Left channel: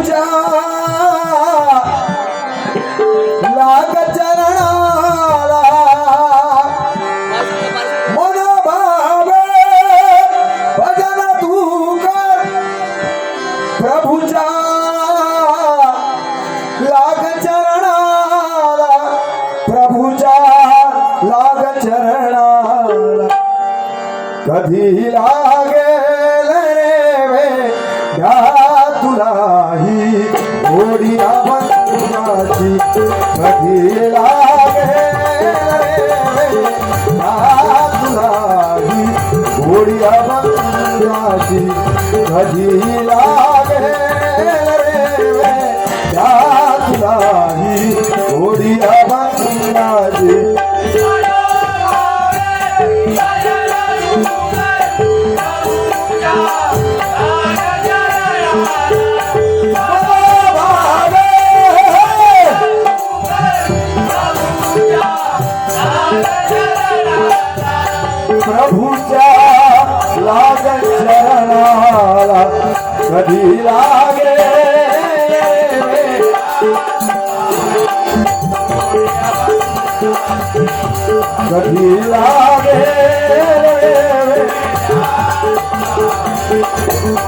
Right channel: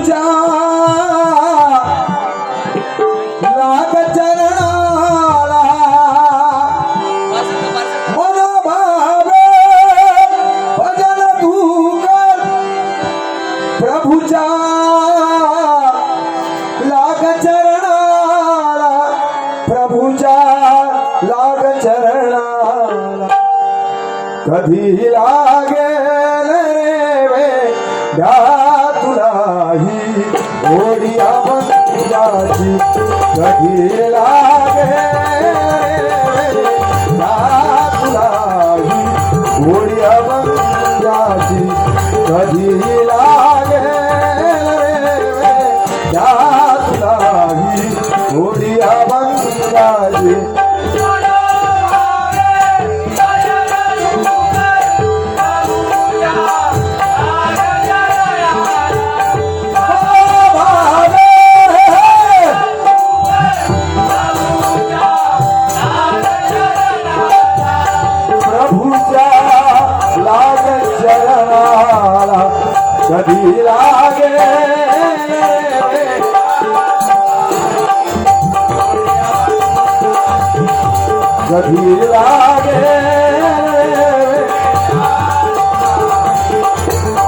प्रभूच्या लाग चरणाला मन भावे भजन तू कर प्रभूच्या लाग चरणाला प्रभूच्या लाग चरणाला कधी लागेल रे वेड्या तुलाही गोडी अभंगाची कधी लागेल रे वेड्या तुलाही गोडी अभंगाची कधी लागेल रे वेड्या तुलाही गोडी अभंगाची कधी लागे कधी लागे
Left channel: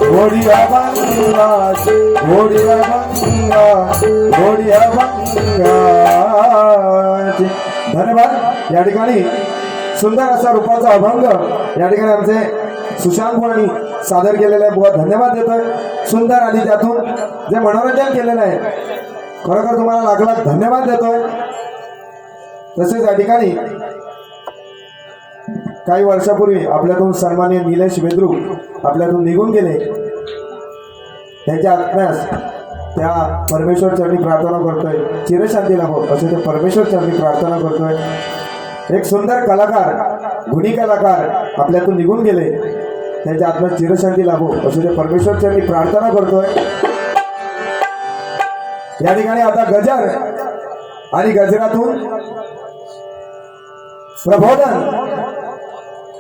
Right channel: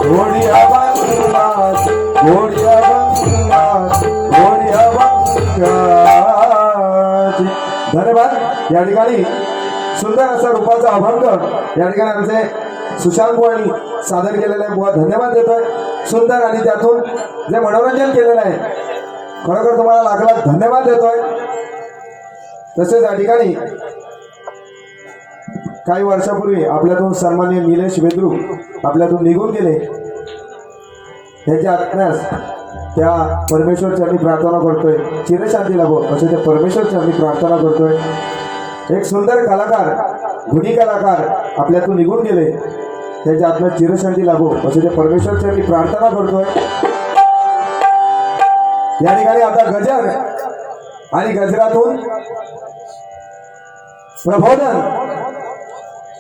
घोडी अभंगा घोडी अभंगा घोडी अभंगाची धन्यवाद। या ठिकाणी सुंदर असा रूपाचा अभंग या ठिकाणी आमचे सुशांत बुवांनी सादर केलेला आहे। बुवा धन्यवाद देतोय। सुंदर आणि त्यातून जे मनोरंजन केलेलं आहे खरोखर तुम्हाला लाख लाख धन्यवाद देतोय। तसेच या ठिकाणी काही वर्षापूर्वी आपल्यातून सन्माननीय निलेश बेद्रुक आपल्यातून निघून गेले। त्यांच्या आत्म्यास त्या परमेश्वर चरणी प्रार्थना करतोय चिरशांती लाभो असे ते परमेश्वर चरणी प्रार्थना करतोय। एक सुंदर कलाकार गुणी कलाकार आपल्यातून निघून गेले त्यांच्या आत्म्यात चिरशांती लाभो असे ते परमेश्वर चरणी प्रार्थना करतोय। या ठिकाणी आता गजर आणि गजरातून प्रबोधन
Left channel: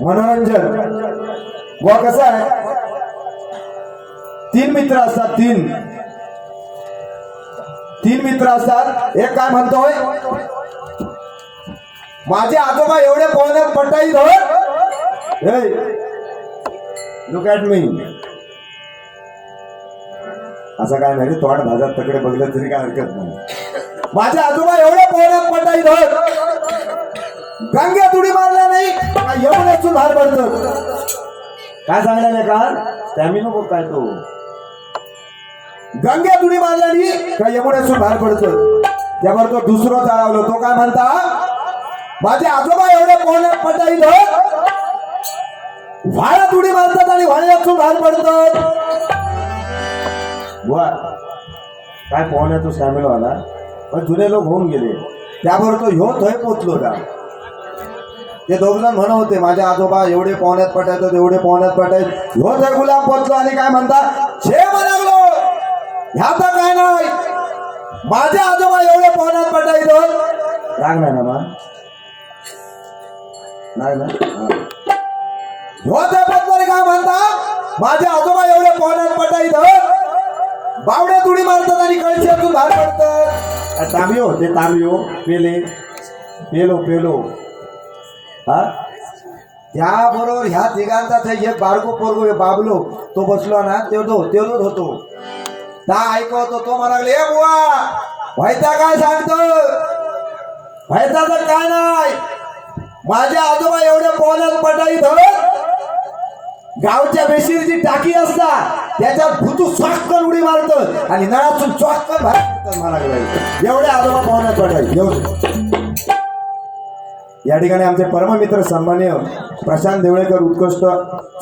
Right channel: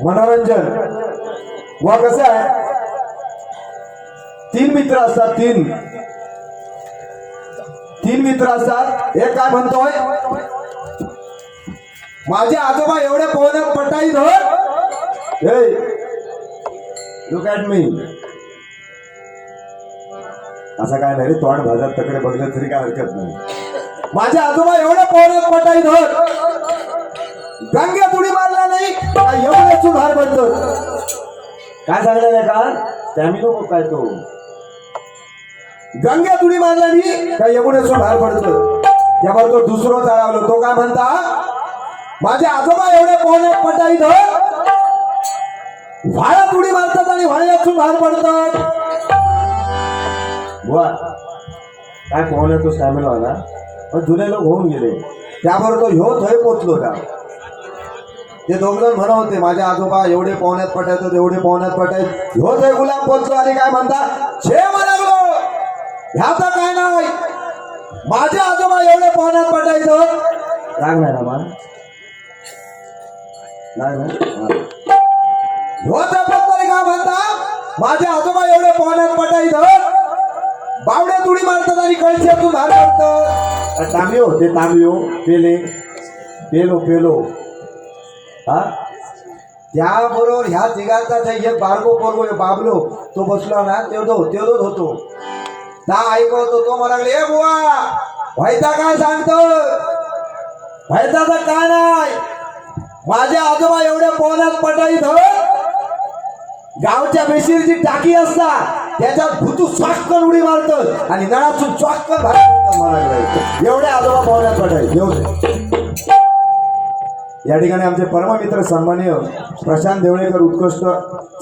मनोरंजन व कसं आहे तीन मित्र असतात तीन मित्र असतात। एक काय म्हणतोय माझे आजोबा एवढे पोहण्यात पटाई धर हे लुक ॲट मी असं काय नाही रे तोंड भाजात तकडे बघलं तरी काय हरकत नाही। माझे आजोबा एवढे पोहण्यात पटाई धर गंग्या तुडी मारला नाही काय एवढं बाहेर पडत काय सांगणार आहे का स्टॅमिनो काय तो गंग्या तुडी मारला नाही काय एवढं बाहेर पडत त्यावर तो दुसरं चालवलं तो काय म्हणता माझे आजोबा एवढे पोहण्यात पटाई धर वाड्यात उडी मारतात आणि वाड्यातून बाहेर पडतात। बुवा काय पोहण्यात तो स्टॅमिना ना पण जुने लोक होऊन गेले त्यावर तो ह्यो थोय पोचलो का ते दोघजण म्हणत होते माझे आजोबा एवढे पोहण्यात पटायतात एवढे पोहण्यात पटायत ह्यो थोय गुलाम पोचलो आणि काय म्हणतात छे म्हणालो ह्यात काय नाही माझे आजोबा एवढे पोहण्यात पटायत राग नाही ना मग नाही ना काय म्हणता माझे आजोबा एवढे पोहण्यात पटायत बावड्यात उडी मारतात आणि कळशातून बाहेर पडतात। तांबियो ते तांबियो पेले पेलो पेलो हा त्याबरोबर ह्या तिघांचा एक बारको पोरगो बाबलो तो बसलो ना तेलोच होतो ना ऐकवतो तो म्हणाले बुवा व्हायचा काय सांगतो व्हायचा तर काय नाही माझे आजोबा एवढे पोहण्यात पटायत गावच्या बेशीरची टाकी असतात त्याच्यात भुतू स्वाटकर उडी मारत आणि नळातून स्वाटकर म्हणाले एवढे आजोबा पोहण्यात पटायत। या ठिकाणी आमचे परममित्र सन्माननीय प्रशांत देवळेकर उत्कृष्ट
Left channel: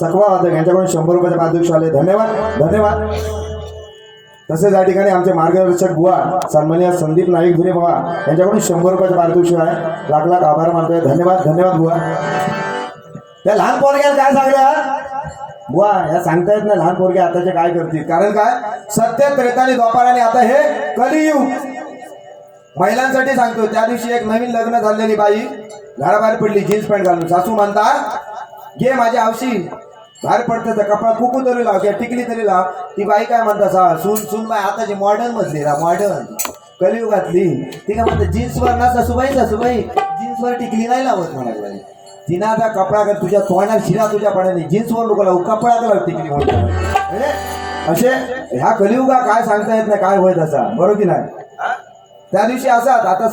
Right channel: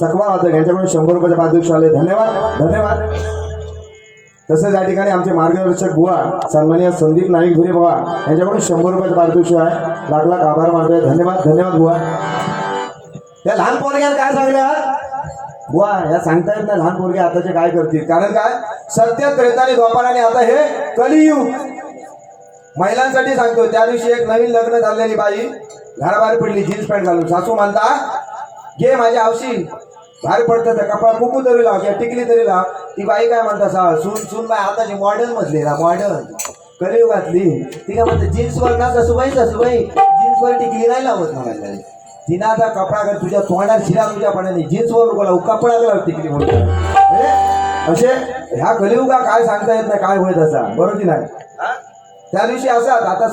चकवा वादक यांच्याकडून 100 रुपयाचे पारितोषिक आले धन्यवाद धन्यवाद। तसेच या ठिकाणी आमचे मार्गदर्शक बुवा सन्माननीय संदीप नाईक धुरे बाबा यांच्याकडून 100 रुपयाचे पारितोषिक आहे लाख लाख आभार मानतोय धन्यवाद धन्यवाद बुवा। त्या लहान पोरग्याला काय सांगल्या बुवा ह्या सांगता येत नाही लहान पोरगे आताचे काय करतील कारण काय सत्य त्रेता आणि द्वापार आणि आता हे कलियुग महिलांसाठी सांगतोय। त्या दिवशी एक नवीन लग्न झालेली बाई घराबाहेर पडली जीन्स पॅन्ट घालून सासू म्हणता घे माझ्या हौशी बाहेर पडतं त्या कपडा कुकू तरी लाव किंवा टिकली तरी लाव. ती बाई काय म्हणता सून बाई आताची मॉडर्न मधली ना मॉडर्न कलियुगातली ती काय म्हणते जीन्सवर ना सासूबाई जीन्सवर टिकली नाही लावत म्हणायला. तिनं आता कपडा कर तुझ्या तोंडात शिरा तुझ्या पडाने जीन्सवर लोक लावू कपडा कर टिकली म्हणून असे ह्या कलियुगा काय सांगता येत नाही काय होत असा बरोबर की नाही. त्या दिवशी असाच आता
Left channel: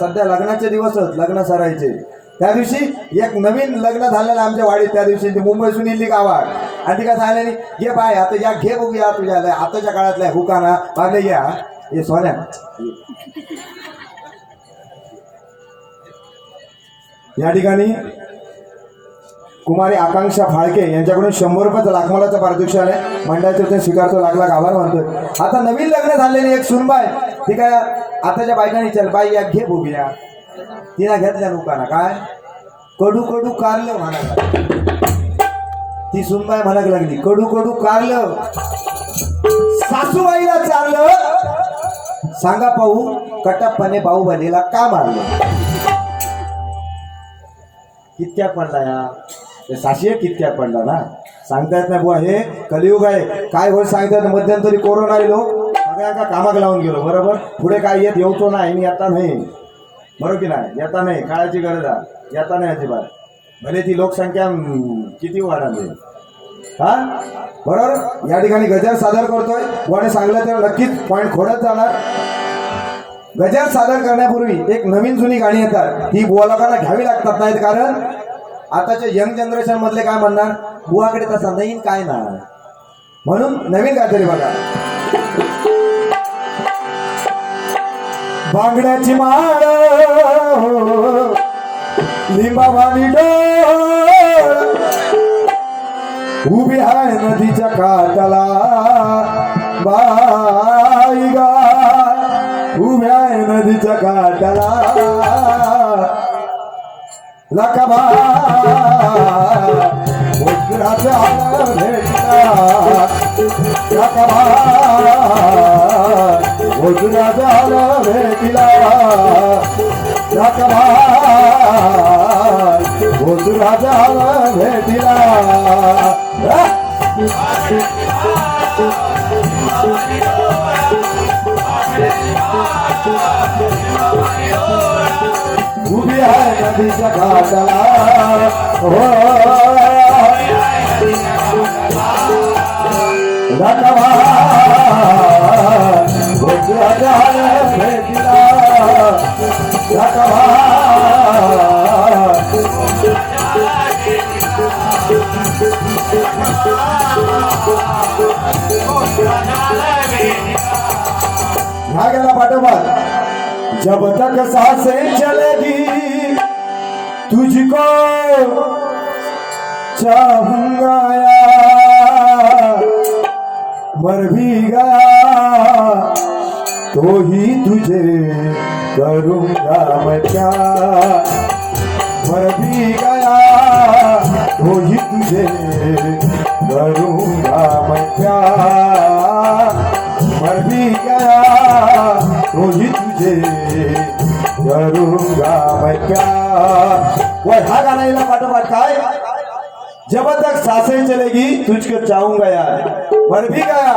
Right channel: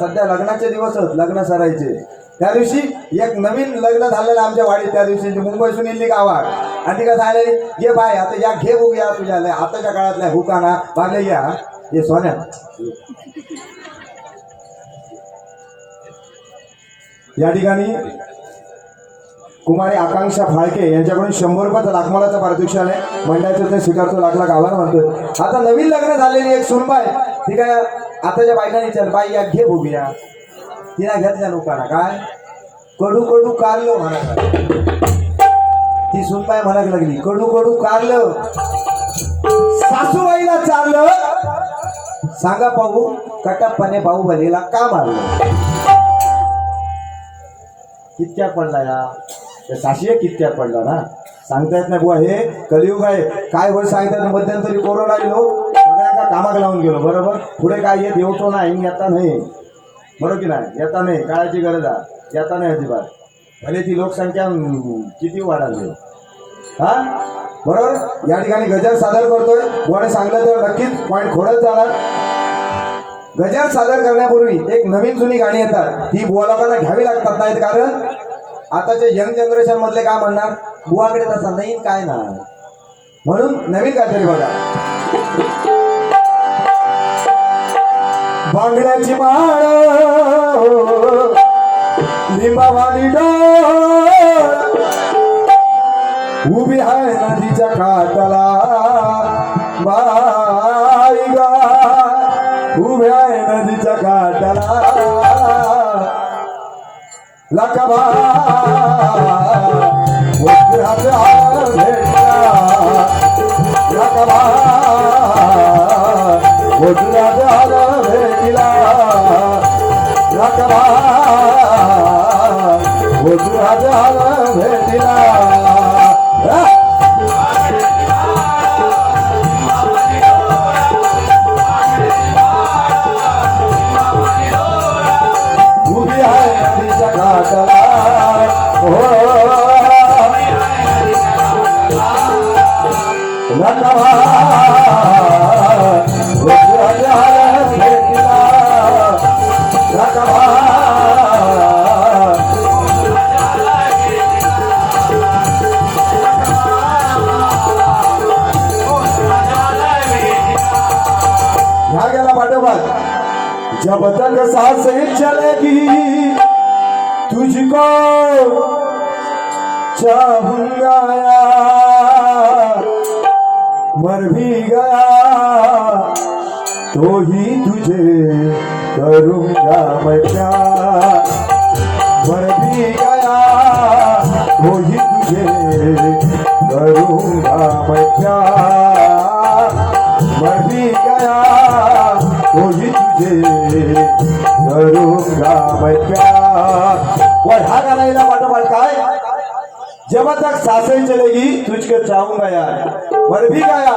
सध्या लग्नाचे दिवस होत लग्न सरायचे त्या दिवशी एक नवीन लग्न झालेलं आमच्या वाडीत त्या दिवशी ती मुंबईतून इल्ली गावात आणि ती काय सांगलेली ये बाय आता या घे बघूया तुझ्या आताच्या काळातल्या हुकाना मागले या ये सोन्या या ठिकाणी कुमारी आकांक्षा फाळके यांच्याकडून 100 रुपयाचं लाखमोलाचं पारितोषिक आहे. मंडळाचं ते स्वीकारतो लाख आभार मानतोय. आता नवीन लग्न झालेली एक सुनबाई ती काय आताच्या बायकांनी चल बाई या घे बघूया तिला घेतल्या लोकांना काय कडू कडू कारलं म्हणायला. ती सुनबाई म्हणायला लागली कडू कडू कारलं सासूबाईला चाललं सांगा पाहू कटप्पाने बाहुबलीला का मारलं. कितक्या पडला या साशी कितक्या पडला ना सांगता येत नाही बुवा. हे कलियुग आहे काय होत सांगतात. मध्यंतरी कोरोना लोक सगळ्या कामाक लावून गेलो बरोबर. पुढे काय येत येतो नाही येता नाही बरोबर की नाही येता नाही काळाची गरज आहे येता नाही अजिबात. भले ती लोकसंख्या किती वाढाली हा बरोबर. या ठिकाणी गजर सादर करतोय कोणी सांगलं तर नक्कीच पॉईंट खोडत जाणार. गजर सादर करण्यापूर्वी एक नवीन जुनी गाणी येतात ती बुवालोकांना घ्यावी लागतात नाहीत कारण आताच्या यंग जनरेशन मधले काय म्हणणार बुवाकडे तसा नवीन काय ना म्हणून नवीन काहीतरी बघा. बांगड्याची माळ लिंबावानी डोळ उभी आहे नदीच्या काठाला बाई गा उभी आहे नदीच्या काठाला लकबा वज्राचा भेटला लकबा वज्राचा भेटला लकबा वज्राचा भेटला. उभी आहे नदीच्या काठाला हो लकबा वज्राचा भेटला लकबा. ह्या गेला पाठोपाठ जब तक सांसें चलेगी तुझको चाहूंगा मर भी गया तो ही तुझे करूंगा मैं प्यार. मर भी गया तो ही तुझे करूंगा मैं प्यार. मर भी गया तो ही तुझे करूंगा मैं प्यार. वो ह्या गाण्याला पाठोपाठ काय जब तक सांसें चलेगी तुझको चाहूंगा यार मर भी गया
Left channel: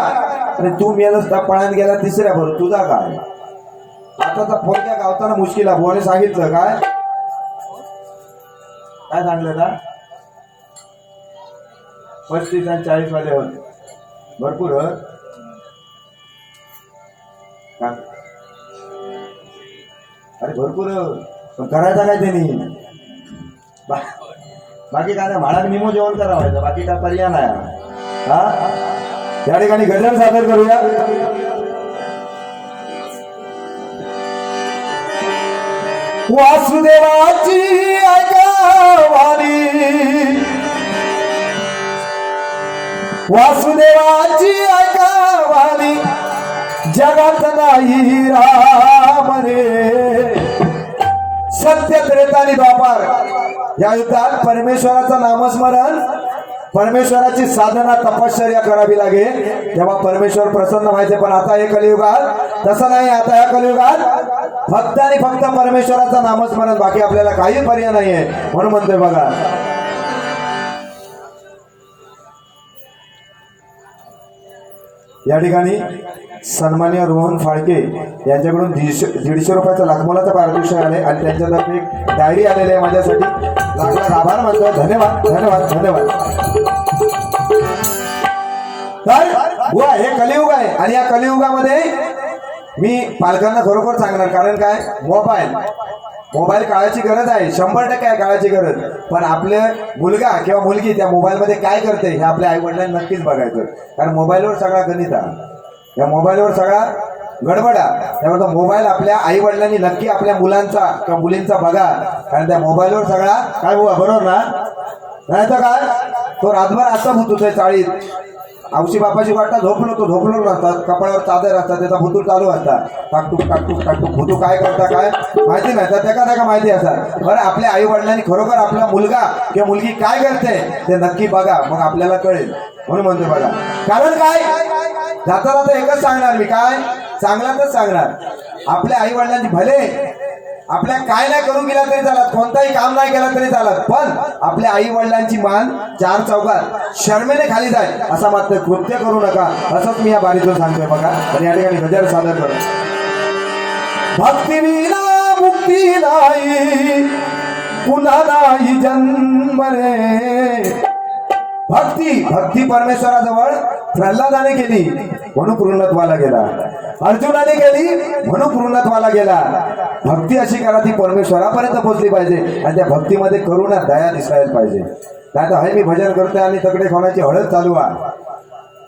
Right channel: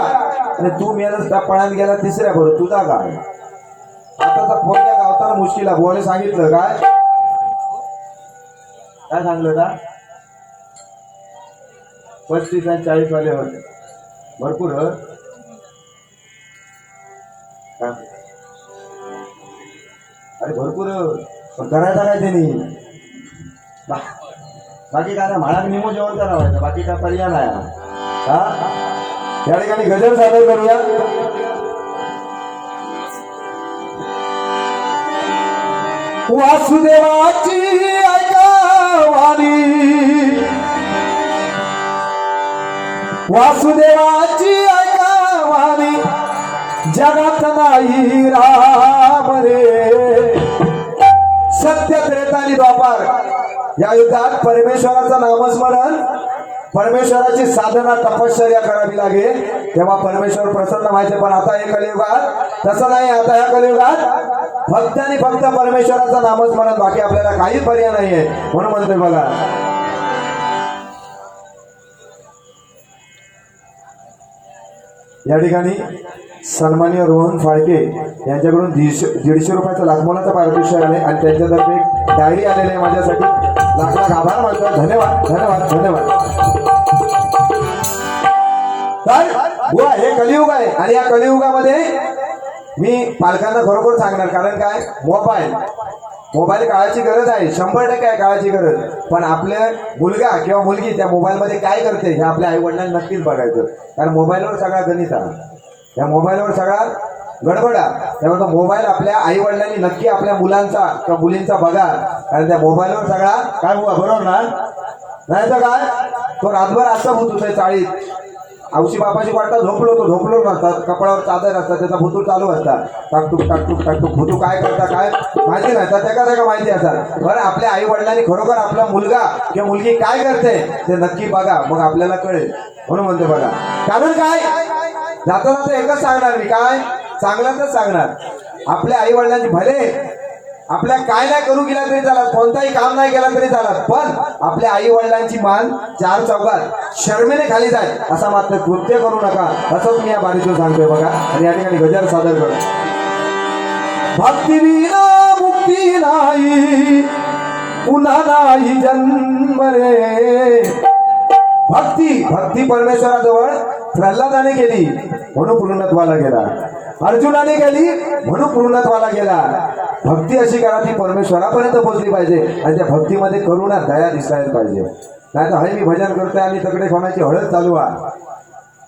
आणि तू मेलच त्या पळात गेला तिसऱ्या बरोबर तुझा काय आता तर पोरक्या गावताना मुश्किल आहे. बोने सांगितलं काय काय सांगलं ना 35 आणि 40 वाले होते भरपूर अरे भरपूर पण करायचा काय त्यांनी बाकी काय म्हाळाक निमो जेवण करावायचं बाकी काय पर्याय नाही हा. या ठिकाणी गजर सादर करूया. वासुदेवाची ऐकावानी वासुदेवाची ऐकावानी जगात नाही राम रे. सत्य त्रेतानी द्वापार या युद्धात परमेश्वराचं नामस्मरण परमेश्वराची साधना तपश्चर्या करावी लागेल तेव्हा परमेश्वर प्रसन्न व्हायचे. पण आता हे कलियुगात तसं नाही. आता या कलियुगात फक्त आणि फक्त परमेश्वराचं नामस्मरण बाकी आपल्याला काही पर्याय नाहीये. म्हणून म्हणतोय बघा या ठिकाणी सन्माननीय रोहन फाळके यांच्याकडून 150 रुपयाचा लाखमोलाचा पारितोषिक आले आणि त्यांच्यातर्फे एक डायरी आलेली आहे माझ्यासाठी. लाख लाख आभार मानतो. धन्यवाद धन्यवाद धन्यवाद. तर बुवा हे कलियुग आहे आणि या कलियुगामध्ये मी पालकांना खरोखर सांगणार. कारण काय, मोबाईल काळाची गरज आहे, 100% आहे काळाची गरज. पण आपले मुलगा किंवा मुलगी त्या मोबाईलमध्ये काय करते हे आपल्या आई वडिलांनी नक्कीच बघायचं. कारण मोबाईलवर सगळा गणित आहे, या मोबाईलवर सगळा गडबडा. त्यामुळे मोबाईल आपल्या आई वडिलांनी नक्की आपल्या मुलांचा किंवा मुलींचा बघा. कारण त्या मोबाईलवर सगळा काय बुवा बरोबर ना, नाही तर काय तो रातभर असं भूत होतोय चाळीत. औशी बापाची वाटता झोपलो नसतात, कपड्यावर चादर असतात, त्याचा भुतूर चालू असतात. टाकटूक भुतू काय करता काय माहिती नाही, तर त्याका माहिती असतात. बरं आपल्या आई वडिलांनी खरोखर आपला मुलगा किंवा मुलगी काय करते ते नक्की बघा, मग आपल्याला कळेल. म्हणून म्हणतो बघा. कारण काय, जाता एकच सांगणार मी, काय चांगल्यातच सांगणार. आपल्या आई वडिलांची भले आपल्या काय नाही करू गेला तरी चालत, कोणताही काम नाही केला तरी चालत, पण आपल्या आई वडिलांची मान 4 चौकात शर्मेने खाली जाय असा मात्र कृत्य करू नका, असंच मी या बारीतून सांगतोय बघा. आणि या ठिकाणी गजर सादर करतो. भक्ती विना मुक्ती नाही, पुन्हा नाही जन्म रे. भक्ती परमेश्वराजवळ प्रल्हादाने केली म्हणून पूर्णत्वाला गेला, अर्जुनाने केली म्हणून पूर्णत्वाला गेला. भक्ती अशी करा ती परमेश्वरापर्यंत पोहोचली पाहिजे आणि त्या भक्तीमध्ये करुणा दया दिसायला पाहिजे. नाही तर हे मी भजन करतोय आणि तकडे खाण्याची हळद चालू आहे.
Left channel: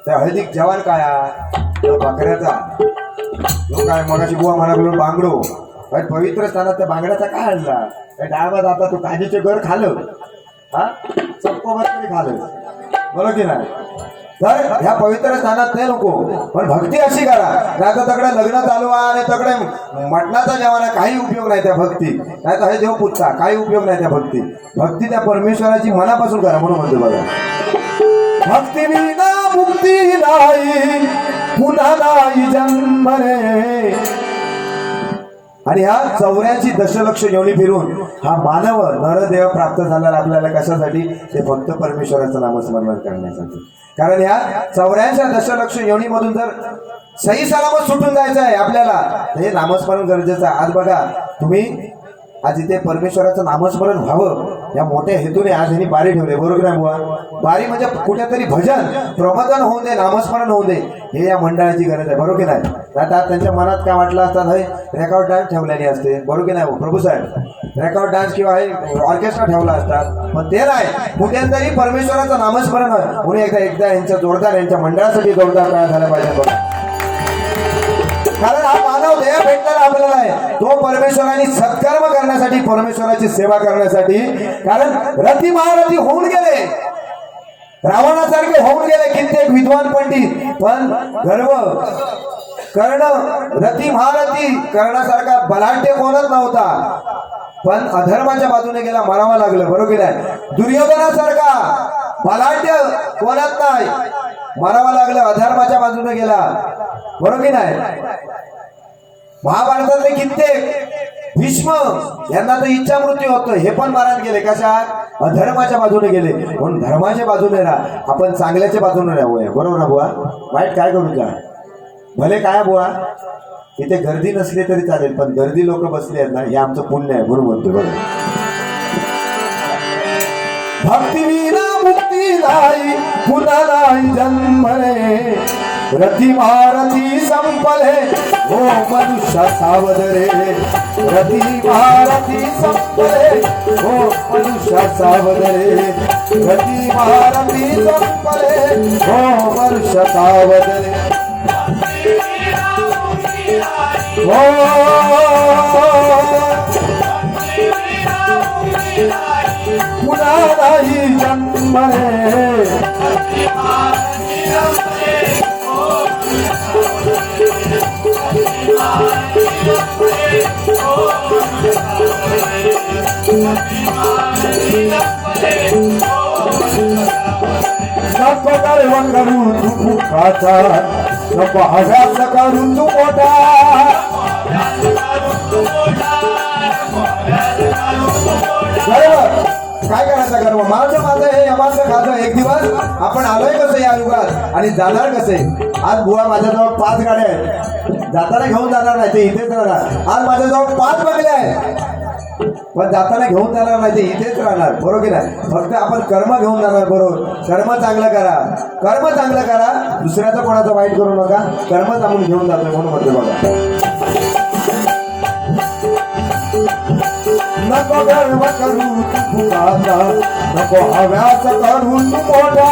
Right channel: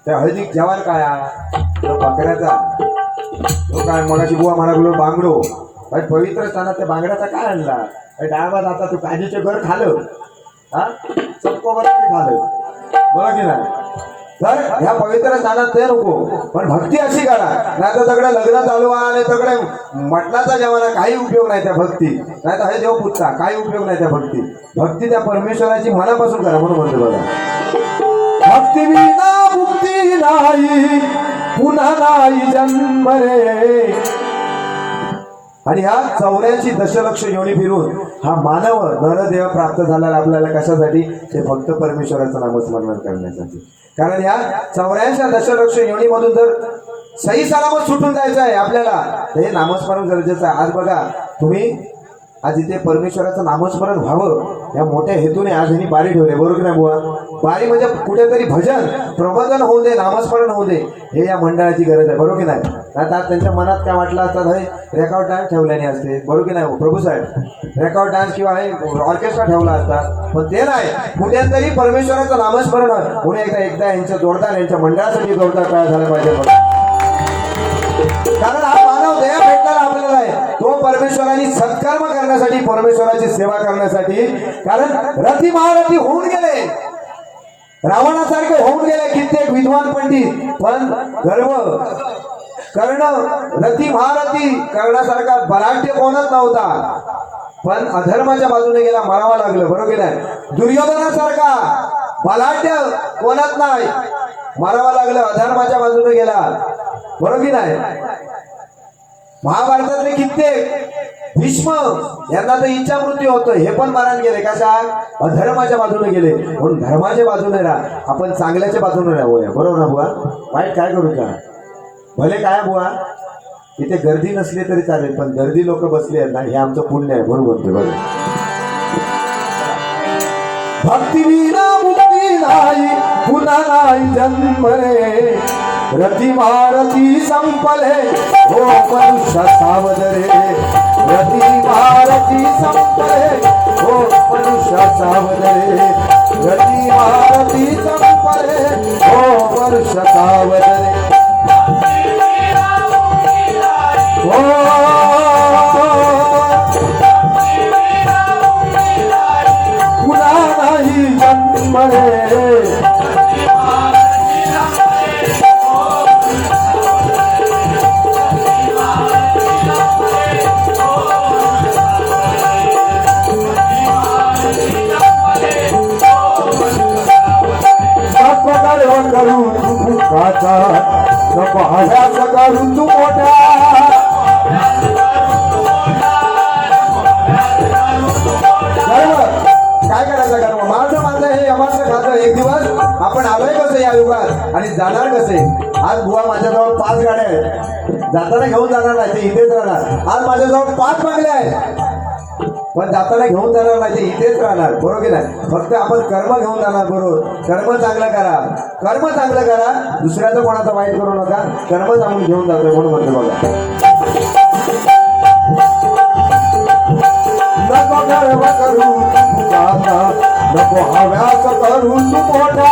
त्या हळदीक जवान काय तो बकऱ्याचा, तो काय मगाशी बुवा म्हणा बांगडो काय पवित्र स्थानात त्या बांगड्याचा काय आणला, काय डाळवा जाता तू काजीचे घर खालं, हा चक्कोवर खालं, बरोबर की नाही. तर ह्या पवित्र स्थानात ते नको, पण भक्ती अशी करा. नाही तर तकडे लग्न चालू आहे आणि तकडे मटणाचा जेवणा काही उपयोग नाही त्या भक्ती. नाही तर हे देव पुजता काही उपयोग नाही त्या भक्ती त्या परमेश्वराची मनापासून करा. म्हणून म्हणतो बघा, भक्ती विना मुक्ती नाही, पुन्हा नाही जन्म रे. आणि ह्या 84 दशलक्ष योनी फिरून हा मानव नरदेव प्राप्त झाला आपल्याला कशासाठी, ते फक्त परमेश्वराचं नामस्मरण करण्यासाठी. कारण ह्या 84 दशलक्ष योनीमधून जर सही सलामत सुटून जायचं आहे आपल्याला, हे नामस्मरण गरजेचं आहे. आज बघा तुम्ही, आज इथे परमेश्वराचं नामस्मरण व्हावं या मोठ्या हेतूने आज यांनी बारी ठेवले, बरोबर आहे बुवा. बारी म्हणजे कुठेतरी भजन प्रबोधन होऊ दे, नामस्मरण होऊ दे, हे या मंडळाची गरज आहे, बरोबर की नाही. आता त्यांच्या मनात काय वाटलं असतं, हे रेकॉर्ड डान्स ठेवल्याने असते, बरोबर की नाही प्रभू साहेब, रेकॉर्ड डान्स किंवा हे ऑर्केस्ट्रा ठेवला असतात, पण ते नाही. कुठेतरी परमेश्वराचं नामस्मरण म्हणून एकदा यांच्या जोरदार, यांच्या मंडळासाठी जोरदार काय झाला पाहिजे. कारण हा मानव देह भेटलेला आपल्याला आहे, तो परमेश्वराने सत्कर्म करण्यासाठी, परमेश्वराची सेवा करण्यासाठी. कारण रती महारथी होऊन गेले, रावणासारखे होऊन गेले कित्येक विद्वान पंडित, पण गर्व कर्ण रती महारथी करण्यासारखा बलाढ्य कोणच नव्हता, पण अधर्माच्या बाजूने गेला, मारावा लागलं, बरोबर की नाही. दुर्योधनासारखा बलाढ्य कोणच नाही, मारावा लागलं, अधर्माच्या बाजूने गेला, बरोबर की नाही. महाभारतातले कित्येक भीष्म यांना तर इच्छा मृत्यू होतं, हे पण मारण गेले, कशा अधर्माच्या बाजूने गेले. म्हणून धर्माच्या बाजूने राहा, आपण चांगल्याच्या बाजूने राहूया, बरोबर ना बुवा. वाईट काय करू का, भले काय बुवा इथे गर्दी नसली तरी चालेल, पण गर्दी लोक बसली आहेत ना, हे आमचं पुण्य आहे, बरोबर म्हणतो बघा. भक्ती विना मुक्ती नाही, पुन्हा नाही जन्म रे. रती महारथी संपले, हो मनुष्य सावध रे. रती महारथी संपले, हो मनुष्य सावध रे. रती महारथी संपले, हो मनुष्य सावध रे. पुन्हा नाही जन्म रे. नको गर्व करू तू मुखाचा, नको हव्यास करू तू मोठा. काय करायचं गर्व, माझं हे यमाचं खातं. एक दिवस आपण आलोय कसं या युगात, आणि जाणार कसे? आज बुवा माझ्याजवळ 5 गाड्या आहेत, जाताना घेऊन जाणार नाही, ते इथेच राहणार. आज माझ्याजवळ 5 बंगले आहेत, पण जाताना घेऊन जाणार नाही, ते इथेच राहणार. बरोबर की नाही? फक्त आपण कर्म घेऊन जाणार. बरोबर, कर्म चांगलं करा, कर्म चांगलं करा, दुसऱ्याचं कोणाचं वाईट करू नका. कर्मच आपण घेऊन जातोय म्हणून म्हणतो बघा. नको गर्व करू तुझा, नको हव्यास करू तू मोठा,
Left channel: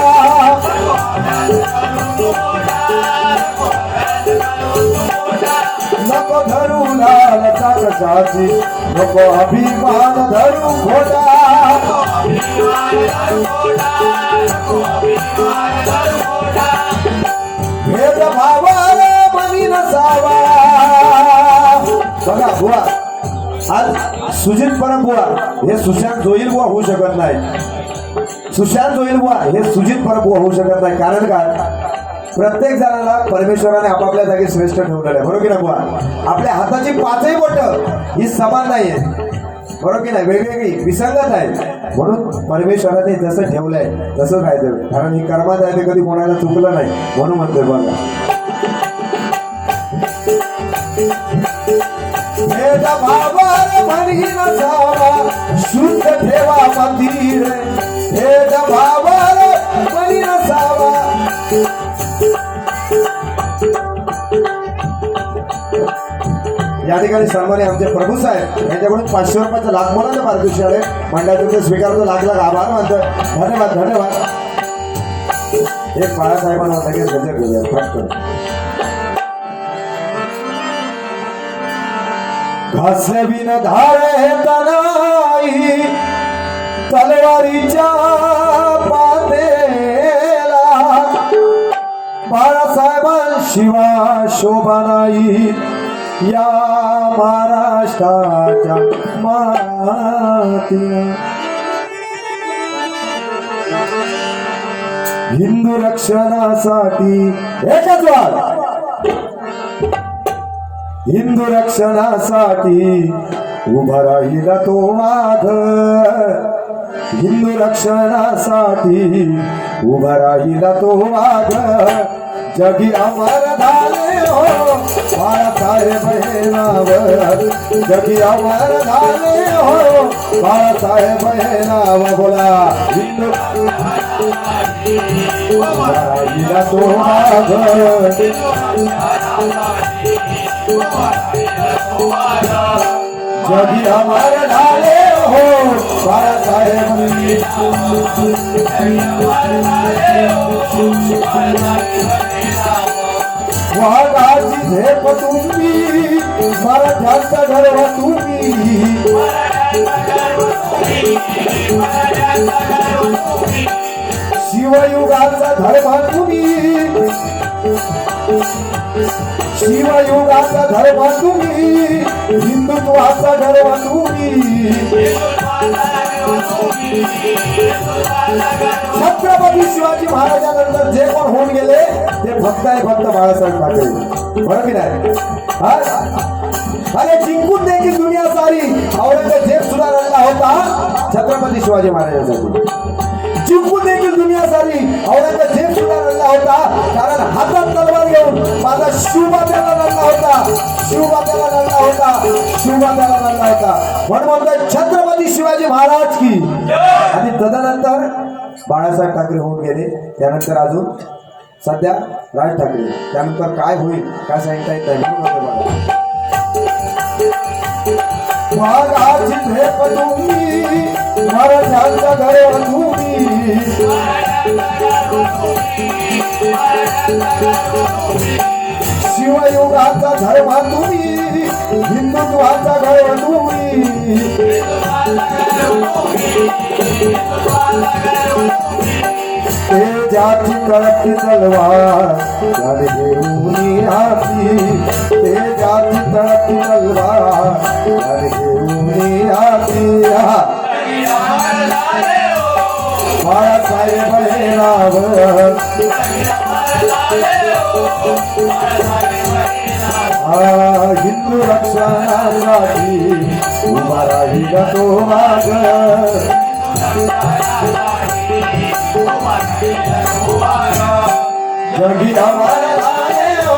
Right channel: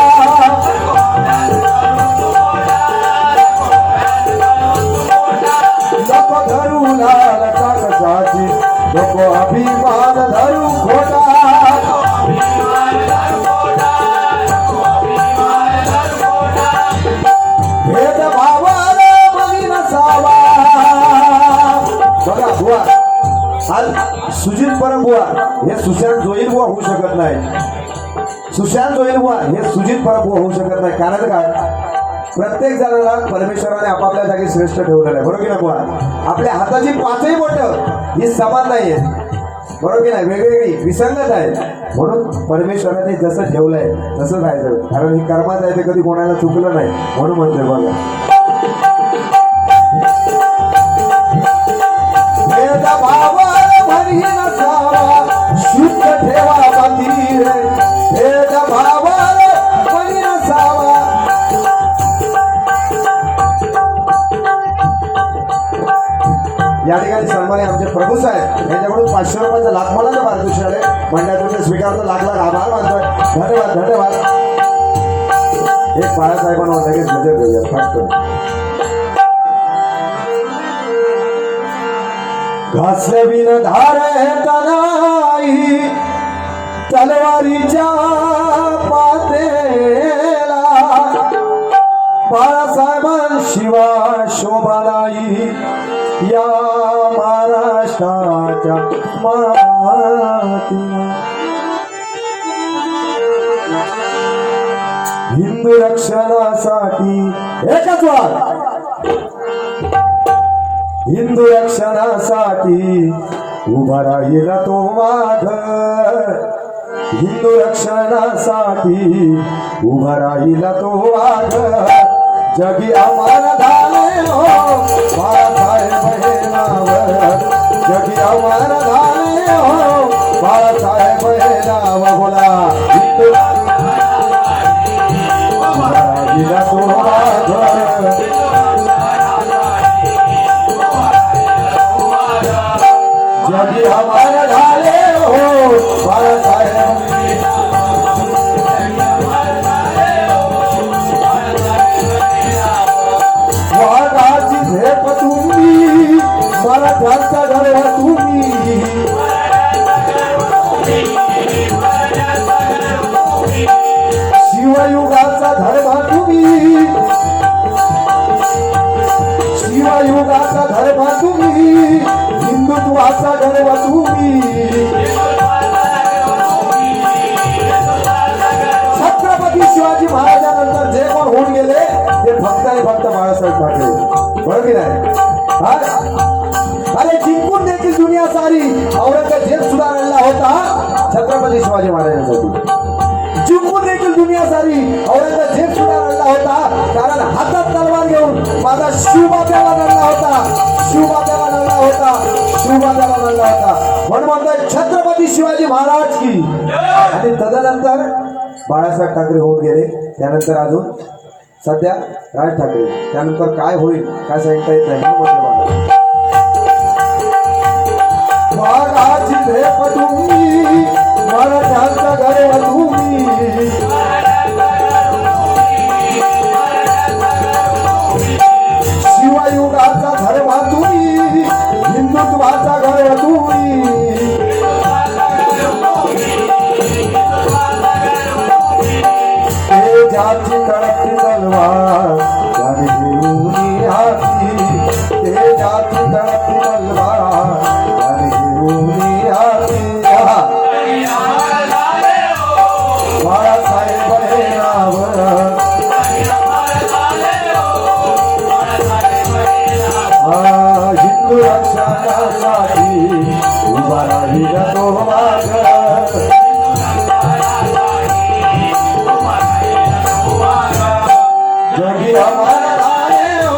नको धरू लाल कशाची, नको अभिमान धरू खोटा, भेद भावाला मनी नसावा. बघा बुवा, आज सुजित परब बुवा हे सुशांत जोईल बुवा होऊ शकत नाही. सुशांत जोईल बुवा हे सुजित परब बुवा होऊ शकत नाही. कारण काय? प्रत्येक जणाला परमेश्वराने आपापल्या जागी श्रेष्ठ ठेवलेलं आहे. बरोबर की नाही बुवा? आपल्या हाताची 5ही बोटं ही समान नाहीये. बरोबर की नाही? वेगवेगळी विसंगत आहे. म्हणून परमेश्वराने जसं ठेवलंय तसं राहायचं. कारण ही कर्मात आहे, ते कधी कोणाला चुकलं नाही म्हणून म्हणतोय बघा. शुद्ध ठेवा मंदिर, भेद भावाला मनी नसावा. या ठिकाणी सन्मान्य आमचे प्रभू साहेब यांच्याकडून 500 रुपयाचं लाखमानाचं पारितोषिक आहे. मंडळातून स्वीकारतो. लाख लाख आभार मानतोय. धन्यवाद धन्यवाद. एक बाळासाहेबांना लगेच नजर घेऊया फटकन. घासल्या बिन धारे तनाई, तलवारीच्या पातेला, बाळासाहेबांशिवाय शोभा नाही या महाराष्ट्राच्या मातीला. हिंदू रक्षणासाठी एकच वार, हिंदू रक्षणासाठी उभा राहील तो वाघ, हिंदू रक्षणासाठी उभा राहील तो वाघ. जगी अमर झाले हो बाळासाहेब हे नाव, जगी अमर झाले हो बाळासाहेब हे नाव. बोला हिंदू उभा राहील तो वाघ, जगी अमर झाले हो बाळासाहेब. वाघाची झेप तुम्ही, मराठ्यांचा गरवा तुम्ही, शिवयुगाचा धर्म तुम्ही, शिवयुगाचा धर्म तुम्ही, हिंदुत्वाचा गर्व तुम्ही. छत्रपती शिवाजी महाराजांनंतर जे कोण होऊन गेले ते फक्त आणि फक्त बाळासाहेब ठाकरे. बरोबर की नाही? अरे जिंकून देखील दुनिया सारी औरंगजेब सुद्धा रडला होता छत्रपती शिवाजी महाराजांसाठी. जिंकून देखील दुनिया सारी औरंगजेब सुद्धा रडला होता, कारण हातात तलवार घेऊन माझा शिवबाब्याला रडला होता, शिवबाब्याला रडला होता, शिवबाब्याला रडला होता. म्हणून म्हणतोय छत्रपती शिवाजी महाराज की. आणि तदनंतर बाळासाहेब ठाकरे होऊन गेले. त्यानंतर अजून सध्या राज ठाकरे. त्यानंतर काय होईल काय सांगता येत नाही. वाघाची झेप तुम्ही, मराठ्यांचा गर्व तुम्ही, शिवयुगाचा धर्म तुम्ही, हिंदुत्वाचा गर्व तुम्ही. तेजाची तळपती तलवार आणि घेऊन हाती, तेजाची तळपती तलवार आणि घेऊन हाती. बाळासाहेब हे नाव, हिंदू रक्षणासाठी उभा राहील तो वाघ. जगी ही अमरदाने हो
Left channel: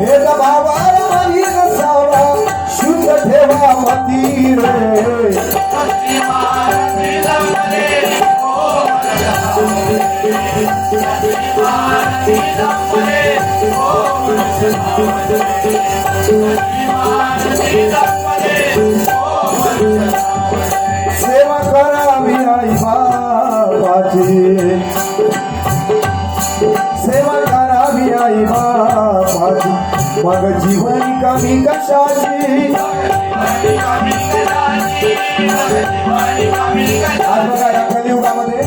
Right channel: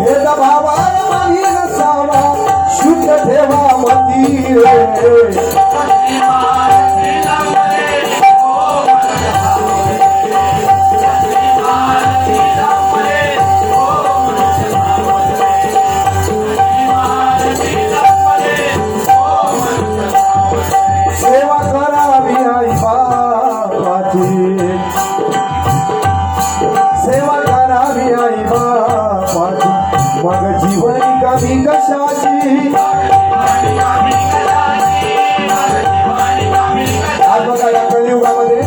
भेदभावार मनी नसावा शुद्ध ठेवा मती रे सेवा करावी आई बाबाची सेवा करावी आई बाबाची मग जीवन कमी कशाची आज बघा या कलियुगामध्ये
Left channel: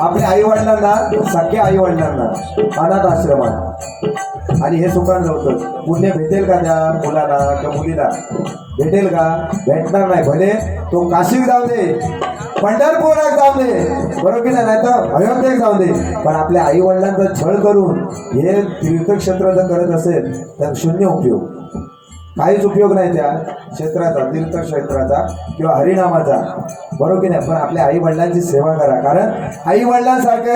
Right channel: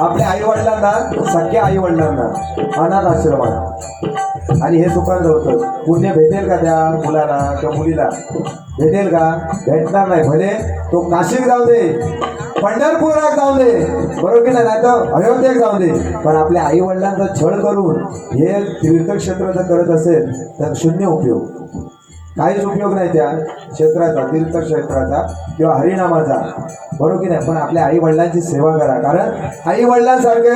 आपल्या आई वडिलांना सख्या आई वडिलांना अनाथ आश्रमात आणि हे सुखान होतं पुण्य भेटेल का त्या मुलाला किंवा मुलीला भेटेल का भेटणार नाही भले तो काशीत जाऊ दे पंढरपुरात जाऊ दे बरोबर की नाही तर अयोध्येत जाऊ दे पण आपल्या आई वडिलांचा छळ करून हे तीर्थक्षेत्र जर करत असेल तर शून्य उपयोग काहीच उपयोग नाही त्या क्षेत्राचा तीर्थक्षेत्राचा किंवा हरिनामाचा बरोबर की नाही पण आपल्या आई वडिलांची सेवा करा कारण आई वडिलांसारखे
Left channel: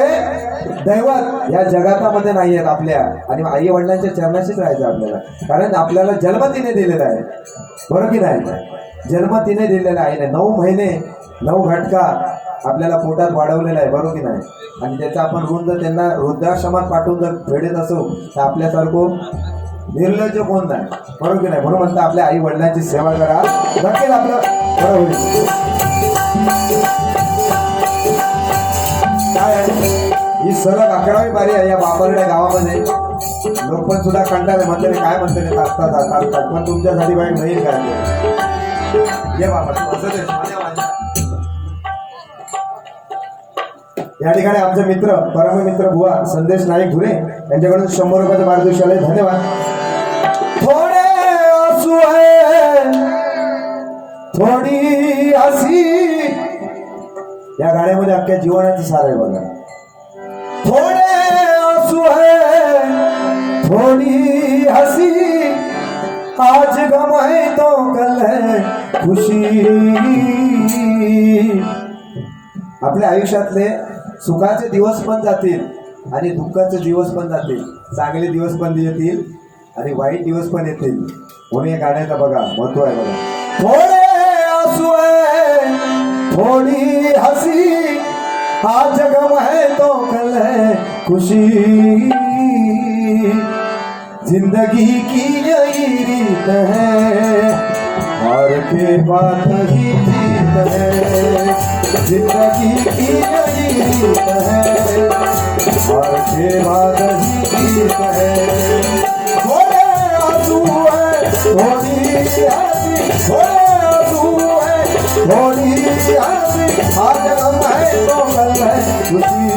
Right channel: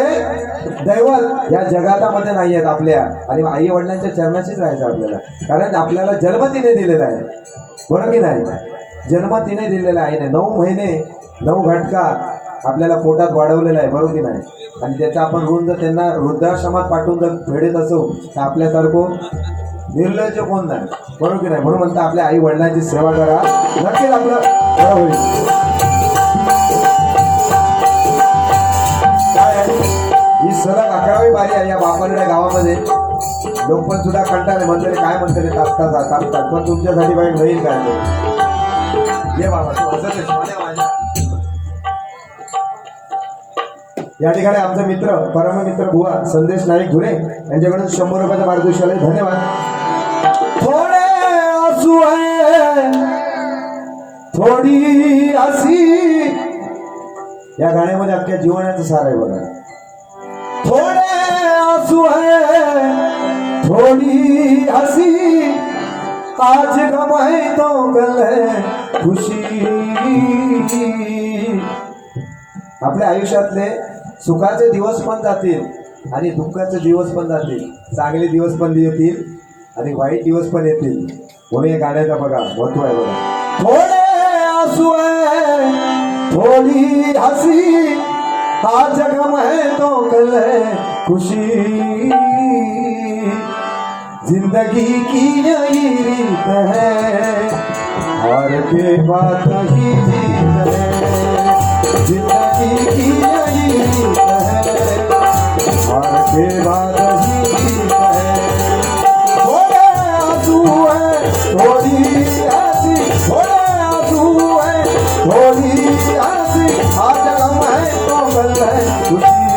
दैवत या जगातामध्ये नाही आहेत आपल्या आणि आई वडिलांच्या चरणाशीच राहायचं आपल्याला कारण आपल्याला जन्म तिने दिलेला आहे बरोबर की नाही जन्म तिने दिलेला आहे 9 महिने 9 घटका आपल्याला पोटात वाढवलेला आहे बरोबर की नाही आणि त्याचा आपण ऋण जर त्यांना वृद्धाश्रमात पाठवून जर फेडत असो तर आपल्यासारखं निर्लज्ज कोण नाही बरोबर की नाही म्हणून म्हणता आपल्या आई वडिलांची सेवा करा नक्कीच आपलं बरं होईल काय ही सलग 11वी बारी आहे या बापरड्या गावामध्ये लोक पण सुद्धा कंटाळे म्हणते काय म्हणते तापतात पण तुमच्यासाठी बाईक नाही काय ये बाबा तू असं माझ्या या ठिकाणी आमचे मित्र परममित्र बुवा संदेश नाईक धुरे यांच्याकडून 100 रुपयाचं पारितोषिक धन्यवाद थोडे आंसू है थोडी हसी या गाण्यामध्ये अख्ख्या जीवनाचं सार आहे बघा थोडे आंसू है थोडी हसी आज गम है तो कल है खुशी आपल्या आयुष्यातले सुखाचे दिवस पण जातील आणि दुःखाचे दिवस पण जातील चांगले दिवस पण येतील आणि वाईट दिवस पण येतील म्हणून या गाण्याचं बघा महत्व आहे बघा थोडे आंसू है थोडी हसी आज गम है तो कल है खुशी जिंदगी की यही रीत है हार के बाद ही जीत है जिंदगी की यही रीत है हार के बाद ही जीत है थोड़े आंसू है थोड़ी हंसी थोड़े आंसू है थोड़ी हंसी आज गम है तो कल है खुशी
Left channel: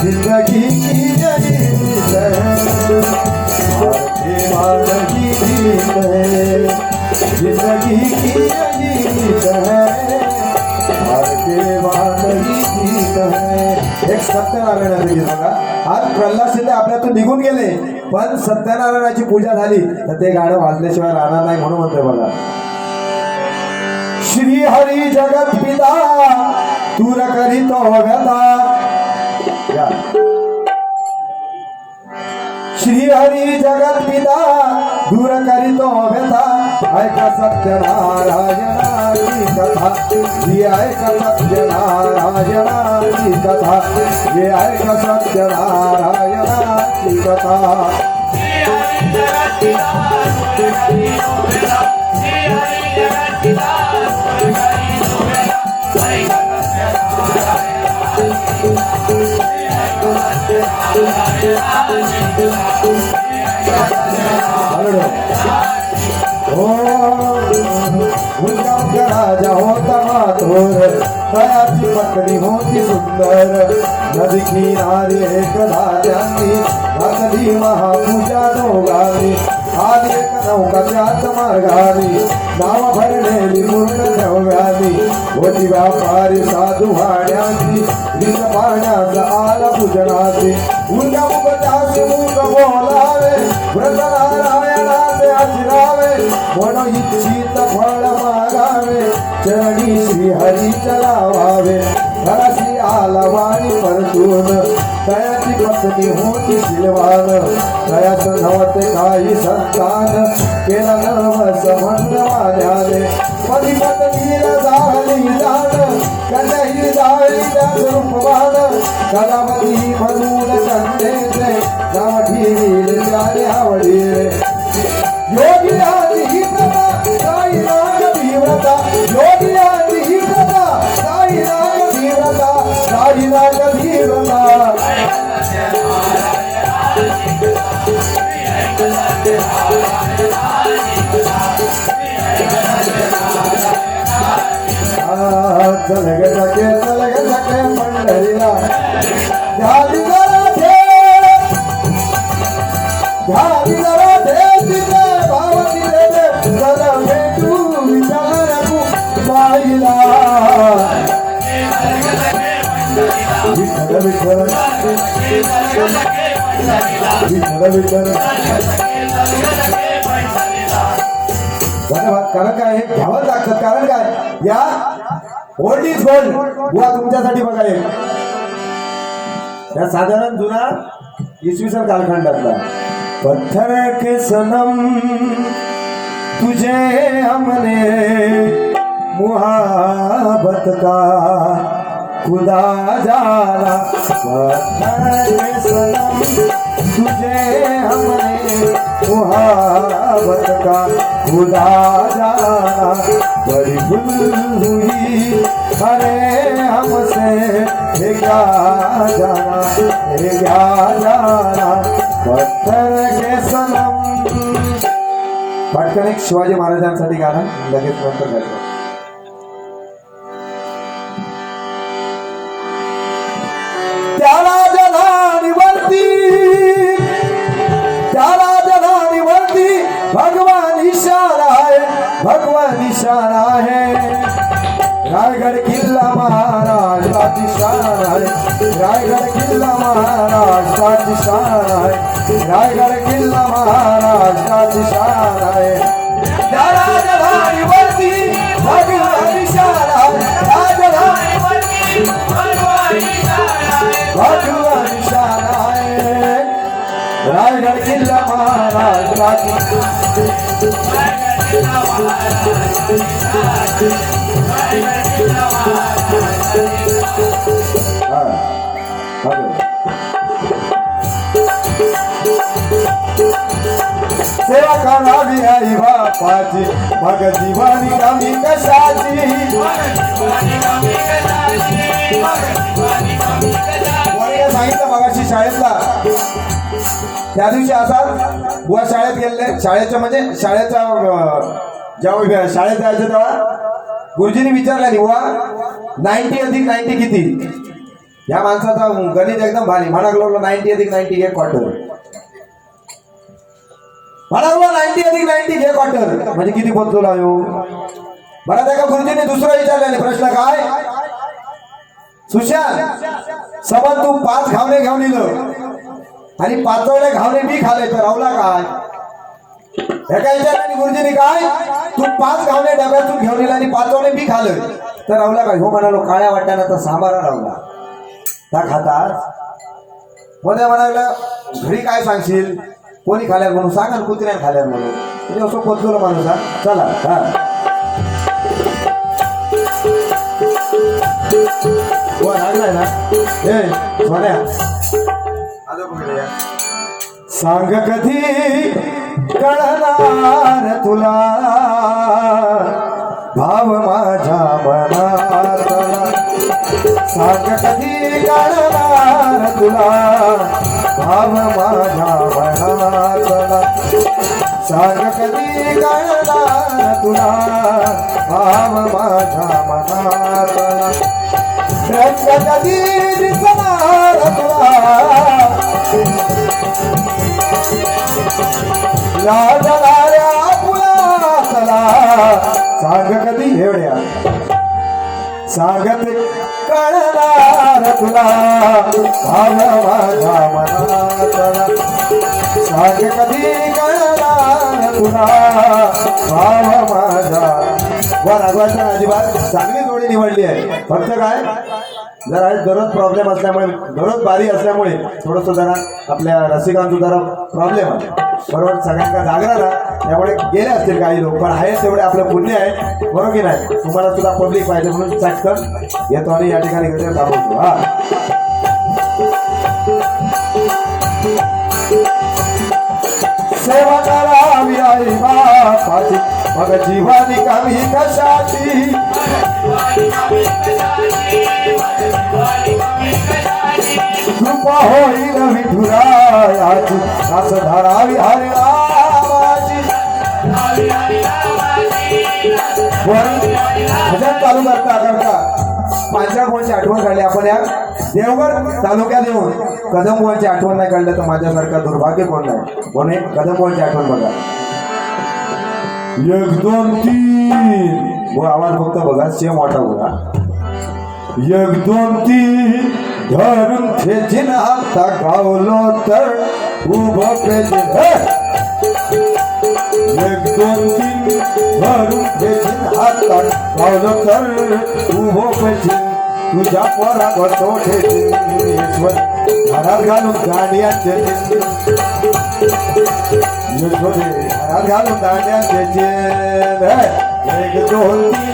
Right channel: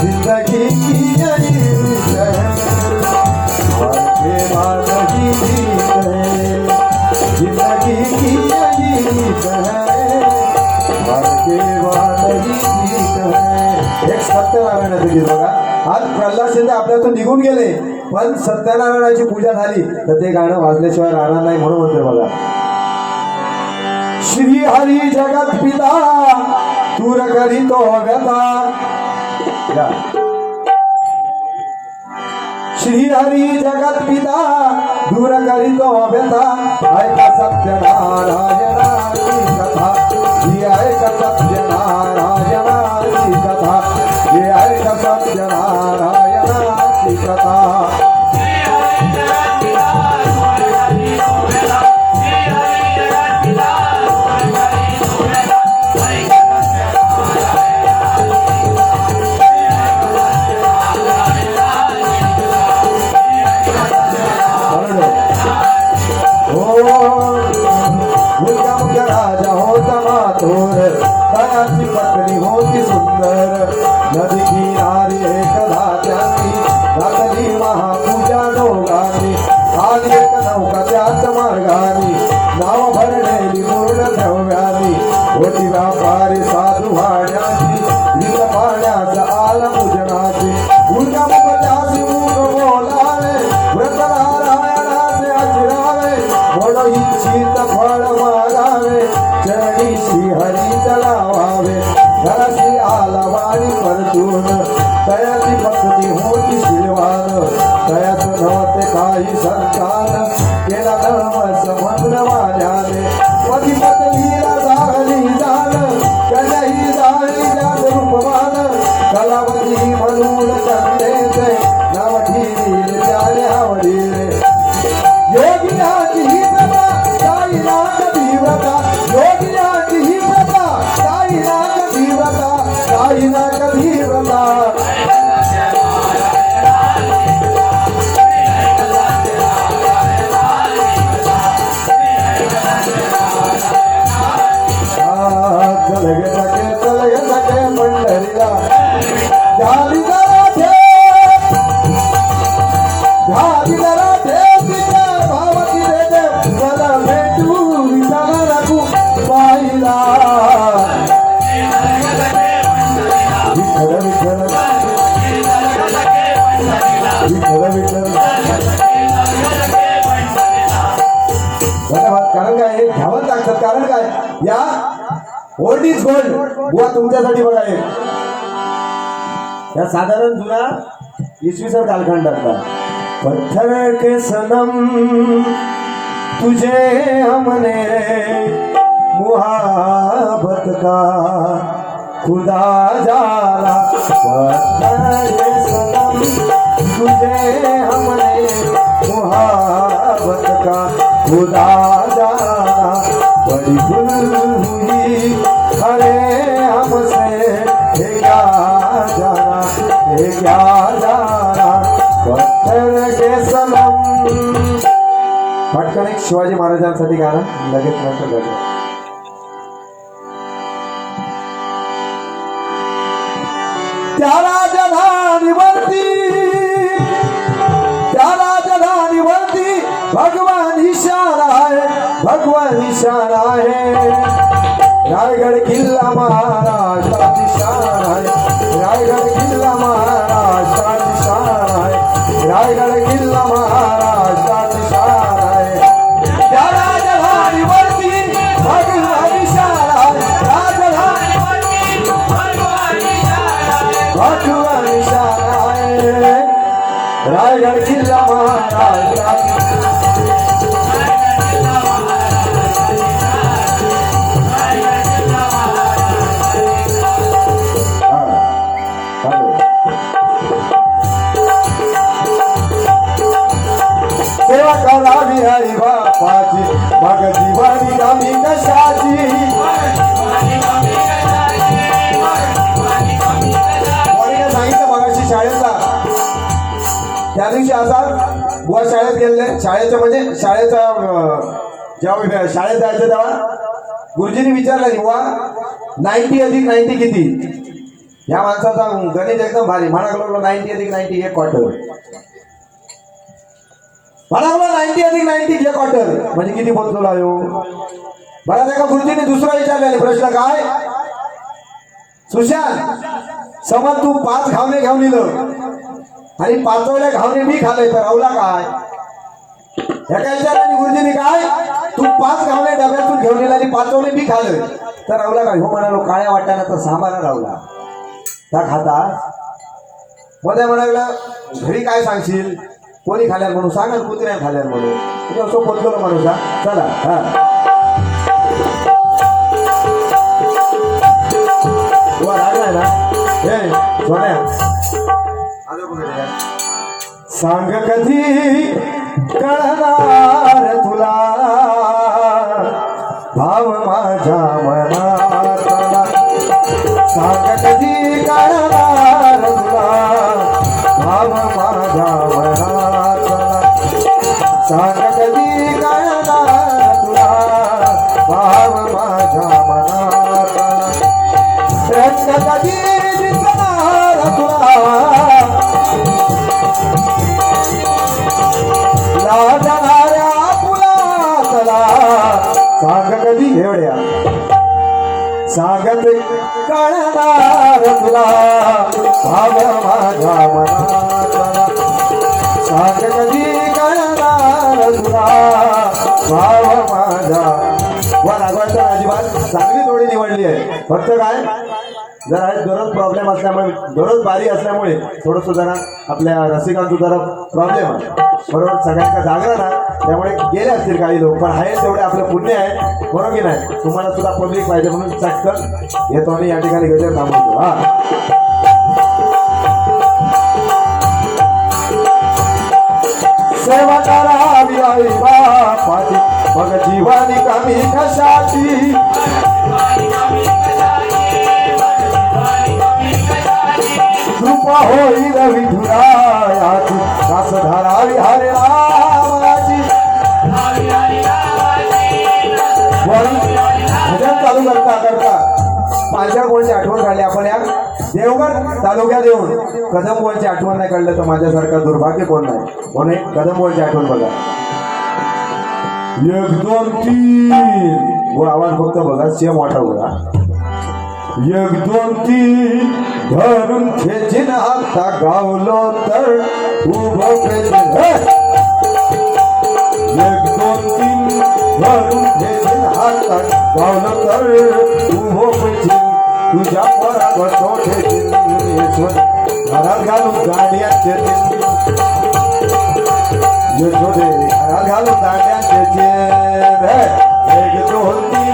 जिंदगी की यही रीत है हार के बाद ही जीत है जिंदगी की यही रीत है हार के बाद ही जीत है एक सत्यनारायणाचं गीत बघा आज प्रल्हाद शिंदे आपल्यातून निघून गेले पण सत्यनारायणाची पूजा झाली तर ते गाणं वाजल्याशिवाय राहणार नाही म्हणून म्हणते बघा श्री हरी जगत पिता दूर करीतो व्यथा श्री हरी जगत पिता दूर करीतो व्यथा ऐका सत्यनारायणाची कथा ही ऐका सत्यनारायणाची कथा ही ऐका सत्यनारायणाची कथा राजा होता माथोर तयाची पकडी होती सुंदर नदी किनारा वारी एकदा त्यांनी घातली महापूजा दोघांनी आली एक नौका त्याच मार्गाने नाव भरलेली पूर्ण द्रव्यानी होती व्यापारी साधू भाड्याची विष पाण्यास आला पूजनाचे उर्गमुपत्याचे मुख बोलावे व्रत नारायणाचे आचरावे म्हणून इच्छित फळ मागावे चरणी श्री हरीचा लावावे घराशी आला वाणी परतून तयाची भक्ती होती शिलवान तयाच नव्हते काही संतान केला नवस मंडवाल्याने पती पत्नीला झाली जाण कन्याही जाळी त्याच रूपवान कलावती म्हणून कन्येचे नाव ठेवील त्याने आवडीले योगियाची ही प्रथा काही नाग धीव्रता योगियाची ही प्रथा काही नाग धीव्रता काही नाग धीव्रता चलग सके पंढरीला झाली जरा ठेव तिथे भावती रे जरा भेटू विठ्ठल पाहिला विठ्ठल विठ्ठल विठ्ठल विठ्ठल धन्यवाद. कारण काय हे घ्यावं लागतं कारण काय या ओल्ड इज गोल्ड बुवा तुमच्यासाठी बघा या साधारण जुना इसवी सन कालखंडातला पत्थर के सनम तुझे हमने मुहाबत का खुदा जाना पत्थर के सनम तुझे हमने मुहाबत का खुदा जाना बड़ी भूल हुई अरे हमसे ये क्या जाना ये क्या जाना पत्थर के सनम. पटकन एक शिवाजी महाराजांसाठी गाणं लगेच नंतर करतो. त्याला जलानिवरती भगवान निशान आहे रायगड किल्ला महाराष्ट्राची शान आहे रायगड किल्ला महाराष्ट्राची शान आहे रायगड किल्ला महाराष्ट्राची शान आहे त्याला जलानिवरती भगवान निशान आहे राजधानीवरती भगवान निशान आहे रायगड किल्ला महाराष्ट्राची सेवा करावी आई बापाची मग जीवानी कमी कशाची सांगितलं मगाशी शाळेतला त्या दिवशी असाच बुवा शाळेत गेले शाळेच्या म्हणजे शाळेचा जेव्हा शाळेत जायचं तेव्हा गुरुजींनी विचारलं बुवा 90 अधिक 90 किती या माणसाचा गणित एकदम भारी म्हणायला लागलो 90 अधिक 90 एक क्वार्टर म्हणालो 90 अधिक 90 घे क्वार्टर म्हणजे किती बदलू लागलो बरं त्या गुरुजींनी दुसरं विचारलेले प्रश्न काय सुशांत समज तू 5 घावणे घेऊन इलं आणि 5वले घावणे मी खाले तर रावला काय एका विचाराने गुरुजींनी काय तू 5 घावणे डब्यातून घेऊन इलं आणि 5वले मी खाले तर रावला काय हो म्हणालो काळ्या वाट्यानं तर सांबारा रावला त्या खातात मध्ये म्हणाला घरी काय सांगशील कोणी खाल्यार म्हणून सांगा कुत्र्या खाल्यार म्हणून तुम्ही असं पोचलो माणूस चला हा राहिलाय ना हे सोन्या सांग कधी कळणार तुला भाव माझ्या मनातला सांग कधी कळणार तुला भाव माझ्या मनातला सांग कधी कळणार तुला भाव माझ्या मनातला रंग कधी दिसणार तुला तुला भाव माझ्या मनातला सांग कधी कळणार तुला भाव माझ्या वर अजिबात चांगली जोडी निवडली आहे फक्त काय जरा दररोज प्रॉब्लेम असल्यामुळे दररोज बारी असल्यामुळे थोडंसं जरा आपल्या रसिकांचं जरा प्रॉब्लेम आहे बरोबर सगळ्यांना जागरा ना त्यामुळे गेले असतील काही लोक पण आहे तेवढे आपलं पुण्य आहे बरोबर की नाही तुम्हाला सुद्धा पब्लिक पाहिजे म्हणून चटकन येतो आणि या ठिकाणी गजर थांबवतो हा सेवा करावी आई बापाची मग जीवानी कमी कशाची कृपा होईल विठुरायाची दास धरावी हरे रामाची भजन चालू करता पांचाळकोणची आठवण काढली आपण या देवगड तालुक्यात येऊन कदमवरची आठवण नाही काढलं तर माझ्यासारखा दुर्भाग्य कोण नाही म्हणून कदमवरची आठवण बघा 1 2 3 व आवाज फक्त बघा सेम वाटा बघा 1 2 3 धरून खेचीन आता गावलो तर उभं खेचीन 1 2 3 धरून खेचीन आता गावलो तर उभं खेचीन तुझ्या परागतो खेचीन ईश्वर घरात घालून गाड्यांचे यशोदे घरात घालून गाड्यांचे 1 2 3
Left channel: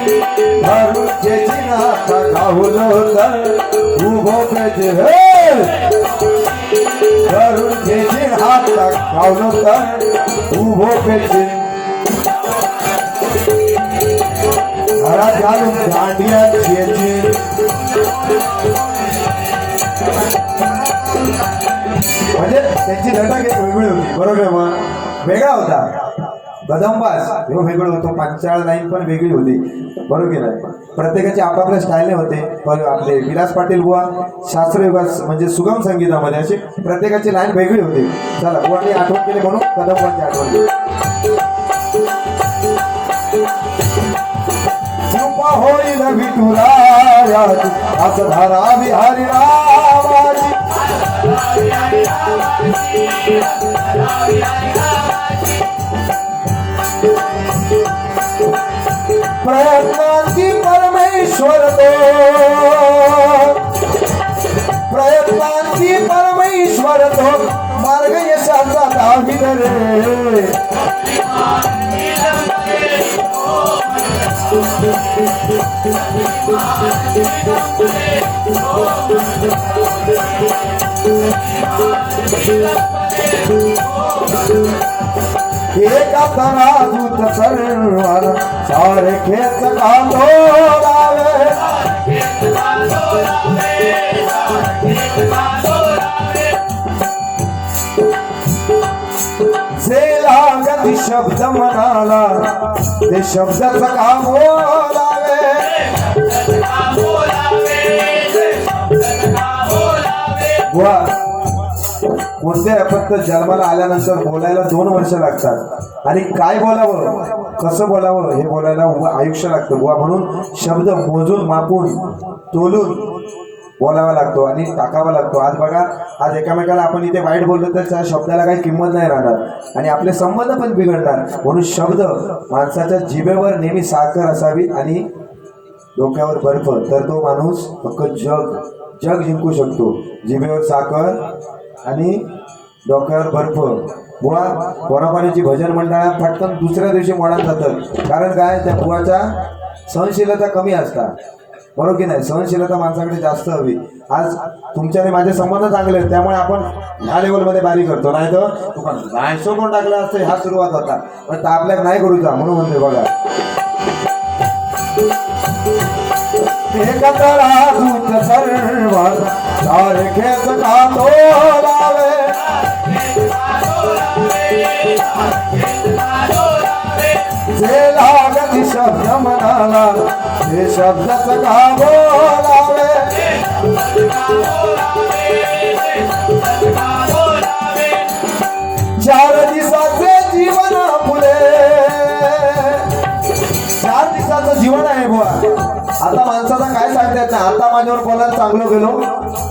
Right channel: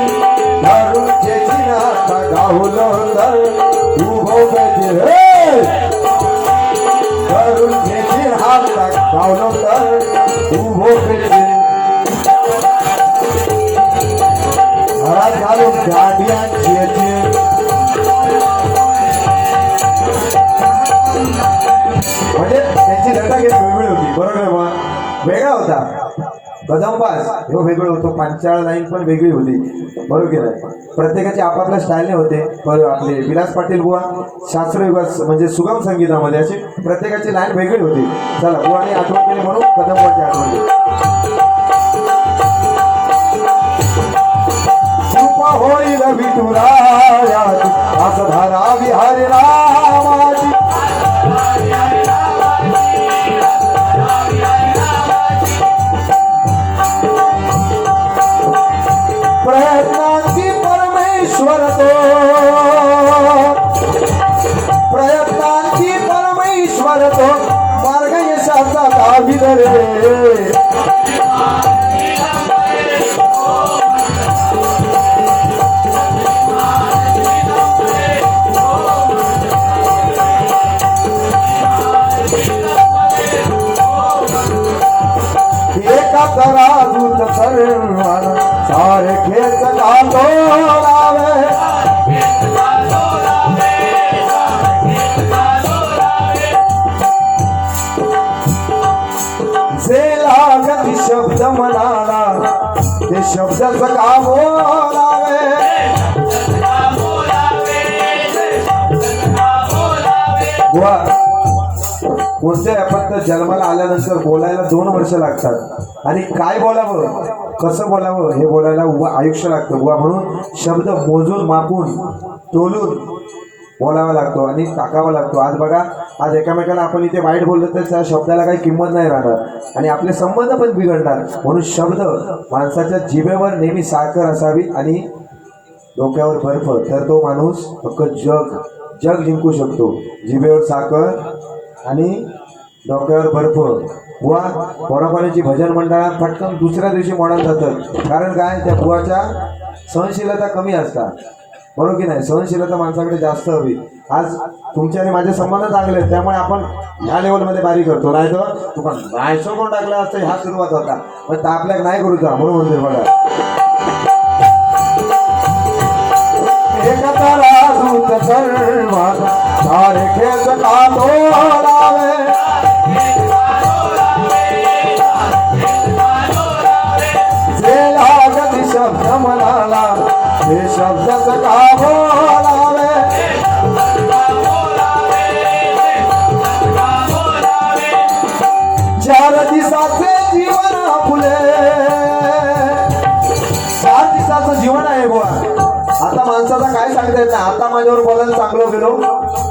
धरून खेचीन आता गावलो तर उभं खेचीन धरून खेचीन हात गावलो तर उभं खेचीन घरात घालून गाड्यांचे म्हणजे त्यांची लढा एक वेगळी होती बरोबर बा वेगळा होता बदमबाज हे वेगळं होतं पांचाळ लाईन पण वेगळी होती बरोबर की नाही प्रत्येकाचे आपापल्या स्टाईलने होते आपले विलास पाटील बुवा शास्त्रीय म्हणजे सुगम संगीतामध्ये असे प्रत्येकाची लाईन वेगळी होती चला बुवाने आठवण केली म्हणून कदमबाजी आठवण केली कृपा होईल विठुरायाची असं धरावी हरी रामाची प्रयत्नांची परमेश्वर तो प्रयत्नांची परमेश्वर तो मार्ग यशाचा दावी रे एका तराजूत सरळ सारे खेच का बोलावे जे लागती शब्द म्हणाला ते शब्दाचं का बोलावे कोणत्या फक्त जन्माला आल्यानंतर बोलायला 2 वर्ष लागतात आणि काय बोलावं कसं बोलावं हे बोलायला आयुष्य लागतं बुवा म्हणून शब्द मोजून मापून तोलून बोलावा लागतो आणि टाकावा लागतो आज बघा आज एकामेकाला आपण इथे वाईट बोललो तर त्या शब्दाला काही किंमत नाही राहणार आणि आपले संबंध पण बिघडणार म्हणून शब्द माणसाच्या जिभेवर नेहमी साखर असावी आणि डोक्यावर बर्फ तर तो माणूस फक्त जग जिंकू शकतो जिभेवर साखर आणि डोक्यावर बर्फ बुवा पोरापाण्याची भजन मंडळात पटकन दुसऱ्या दिवशी मोडात जातात कारण काय त्या बुवाच्या सहनशीलता कमी असतात बरोबर की नाही सहनशीलता माणसाकडे जास्त हवी आज तुमच्याने माझे संबंध चांगले आहेत त्यामुळे आपण ह्या लेवलमध्ये बारी करतो नाही तर तुका नाहीसो पण टाकला असतं हा सुरुवात होता पण तापल्या नाही करूचा म्हणून म्हणते बघा एकत्र राजूत सर्वात सारे खेच का बोलावे जे लागती शब्द म्हणाला ते शब्दच का बोलावे 4 दिवसाचे जीवन फुले 4 दिवसाचं जीवन आहे बुवा आता माणसाचा काय सांगता येत आता माझ्यावर बोलायला चांगलं गेलो,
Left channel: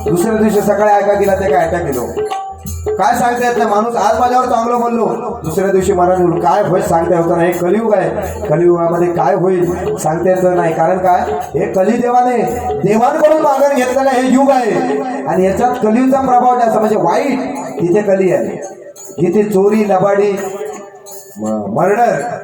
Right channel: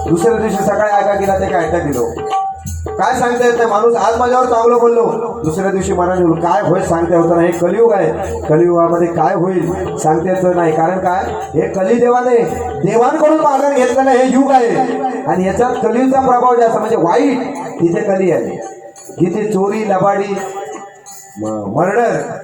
दुसऱ्या दिवशी सकाळी ऐका गेला ते काय अटॅक गेलो. काय सांगता येत नाही. माणूस आज माझ्यावर चांगलं बोललो, दुसऱ्या दिवशी मरण होईल. काय होईल सांगता येत नाही. हे कलियुग आहे. कलियुगामध्ये काय होईल सांगता येत नाही. कारण काय, हे कलिदेवाने देवांकडून मागण घेतलेलं हे युग आहे. आणि याच्यात कलियुगचा प्रभाव जास्त, म्हणजे वाईट तिथे कली आहे. जिथे चोरी, लबाडी, मर्डर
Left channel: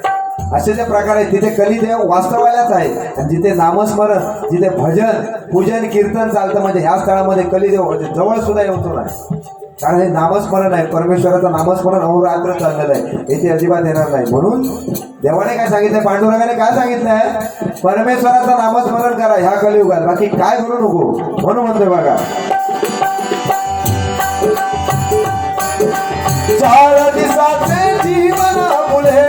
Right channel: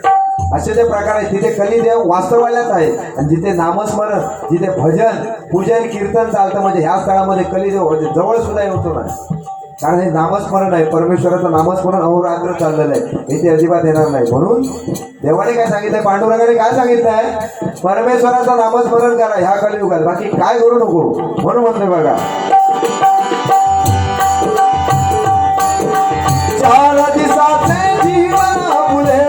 असे जे प्रकार आहेत तिथे कलिदेव वास्तवालाच आहे. आणि जिथे नामस्मरण, जिथे भजन, पूजन, कीर्तन चालतं, म्हणजे ह्या स्थळामध्ये कलिदेव जवळ सुद्धा येतो नाही. कारण हे नामस्मरण आहे, परमेश्वराचं नामस्मरण अहोरात्र चाललेलं आहे, इथे अजिबात येणार नाही. म्हणून देवाने काय सांगितलंय, पांडुरंगाने काय सांगितलंय, परमेश्वराचं नामस्मरण करा ह्या कलियुगात, बाकी काय करू नको. म्हणून म्हणतोय बघा, चार दिवसाचे जीवन फुले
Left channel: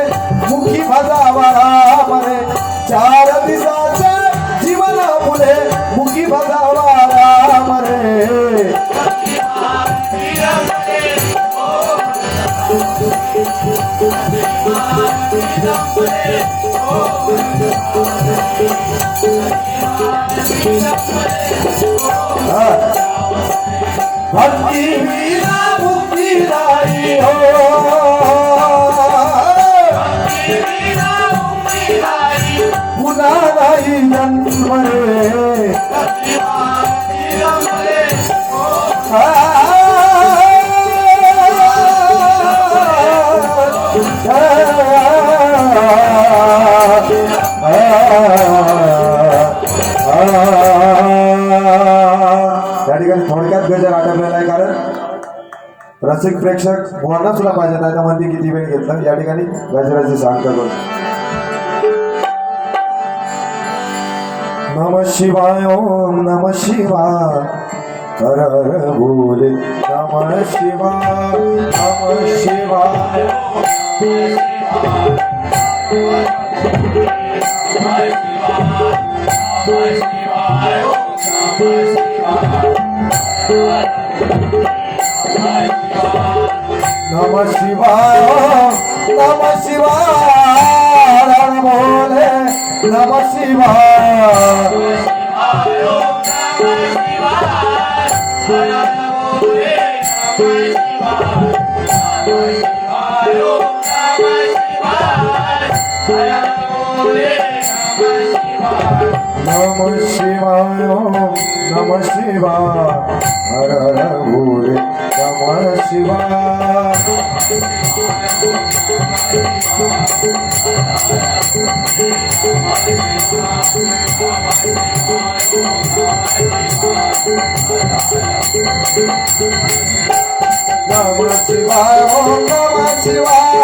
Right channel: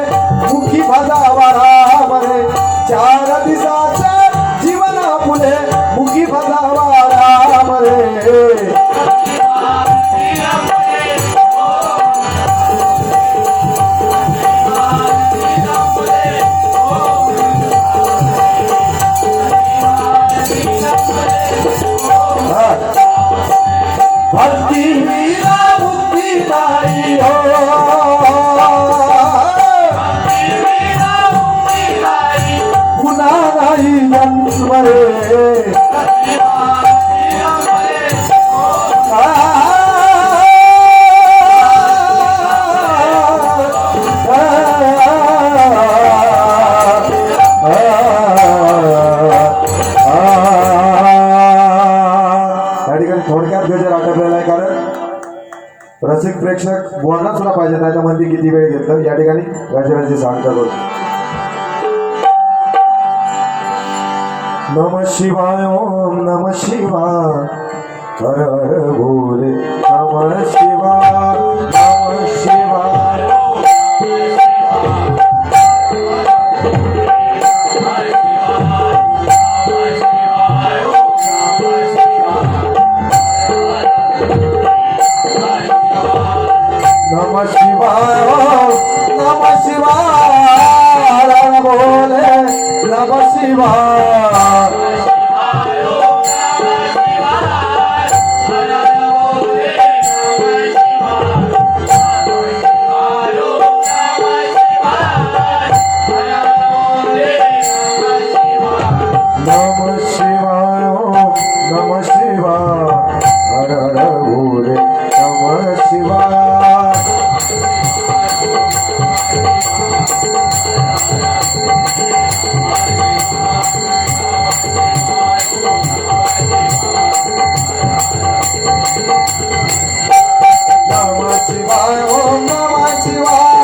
मुखी भजावा राम रे. चार दिवसाचे जीवन फुले मुखी भजावा राम रे. भक्ती विना मुक्ती नाही हो. पुन्हा नाही जन्म रे. त्या ठिकाणी थोडक्यात गजर आटपलेला आहे, कारण रसिक प्रेक्षक बोलणं सुद्धा पाहिजे नाही तर म्हणते किती वेळ घेतलं. या ठिकाणी गजराची सांगता करू. नम शिवाय, ओम नम शिवाय, हर हर भोले, नम शिवाय, नम शिवाय. नम शिवाय, नम शिवाय, हर भोले, नम शिवाय. नम शिवाय, नम शिवाय, हर हर भोले, नम शिवाय. नम शिवाय, ओम नम शिवाय,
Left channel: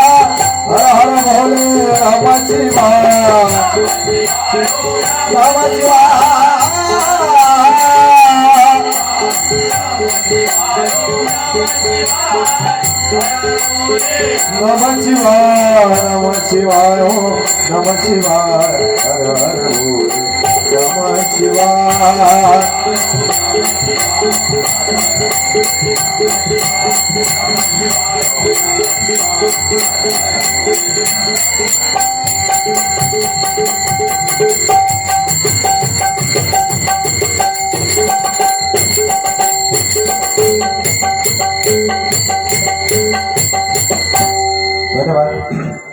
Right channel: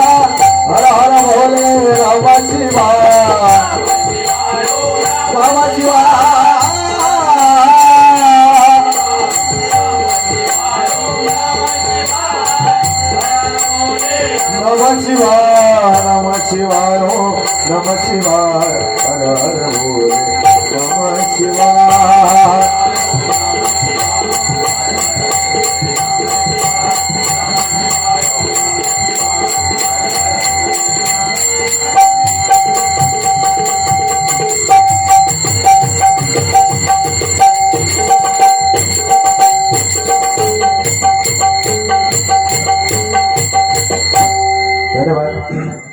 हर हर भोले, नम शिवाय. नम शिवाय. नम शिवाय, नम शिवाय, ओम नम शिवाय, हर हर भोले, नम शिवाय. धन्यवाद.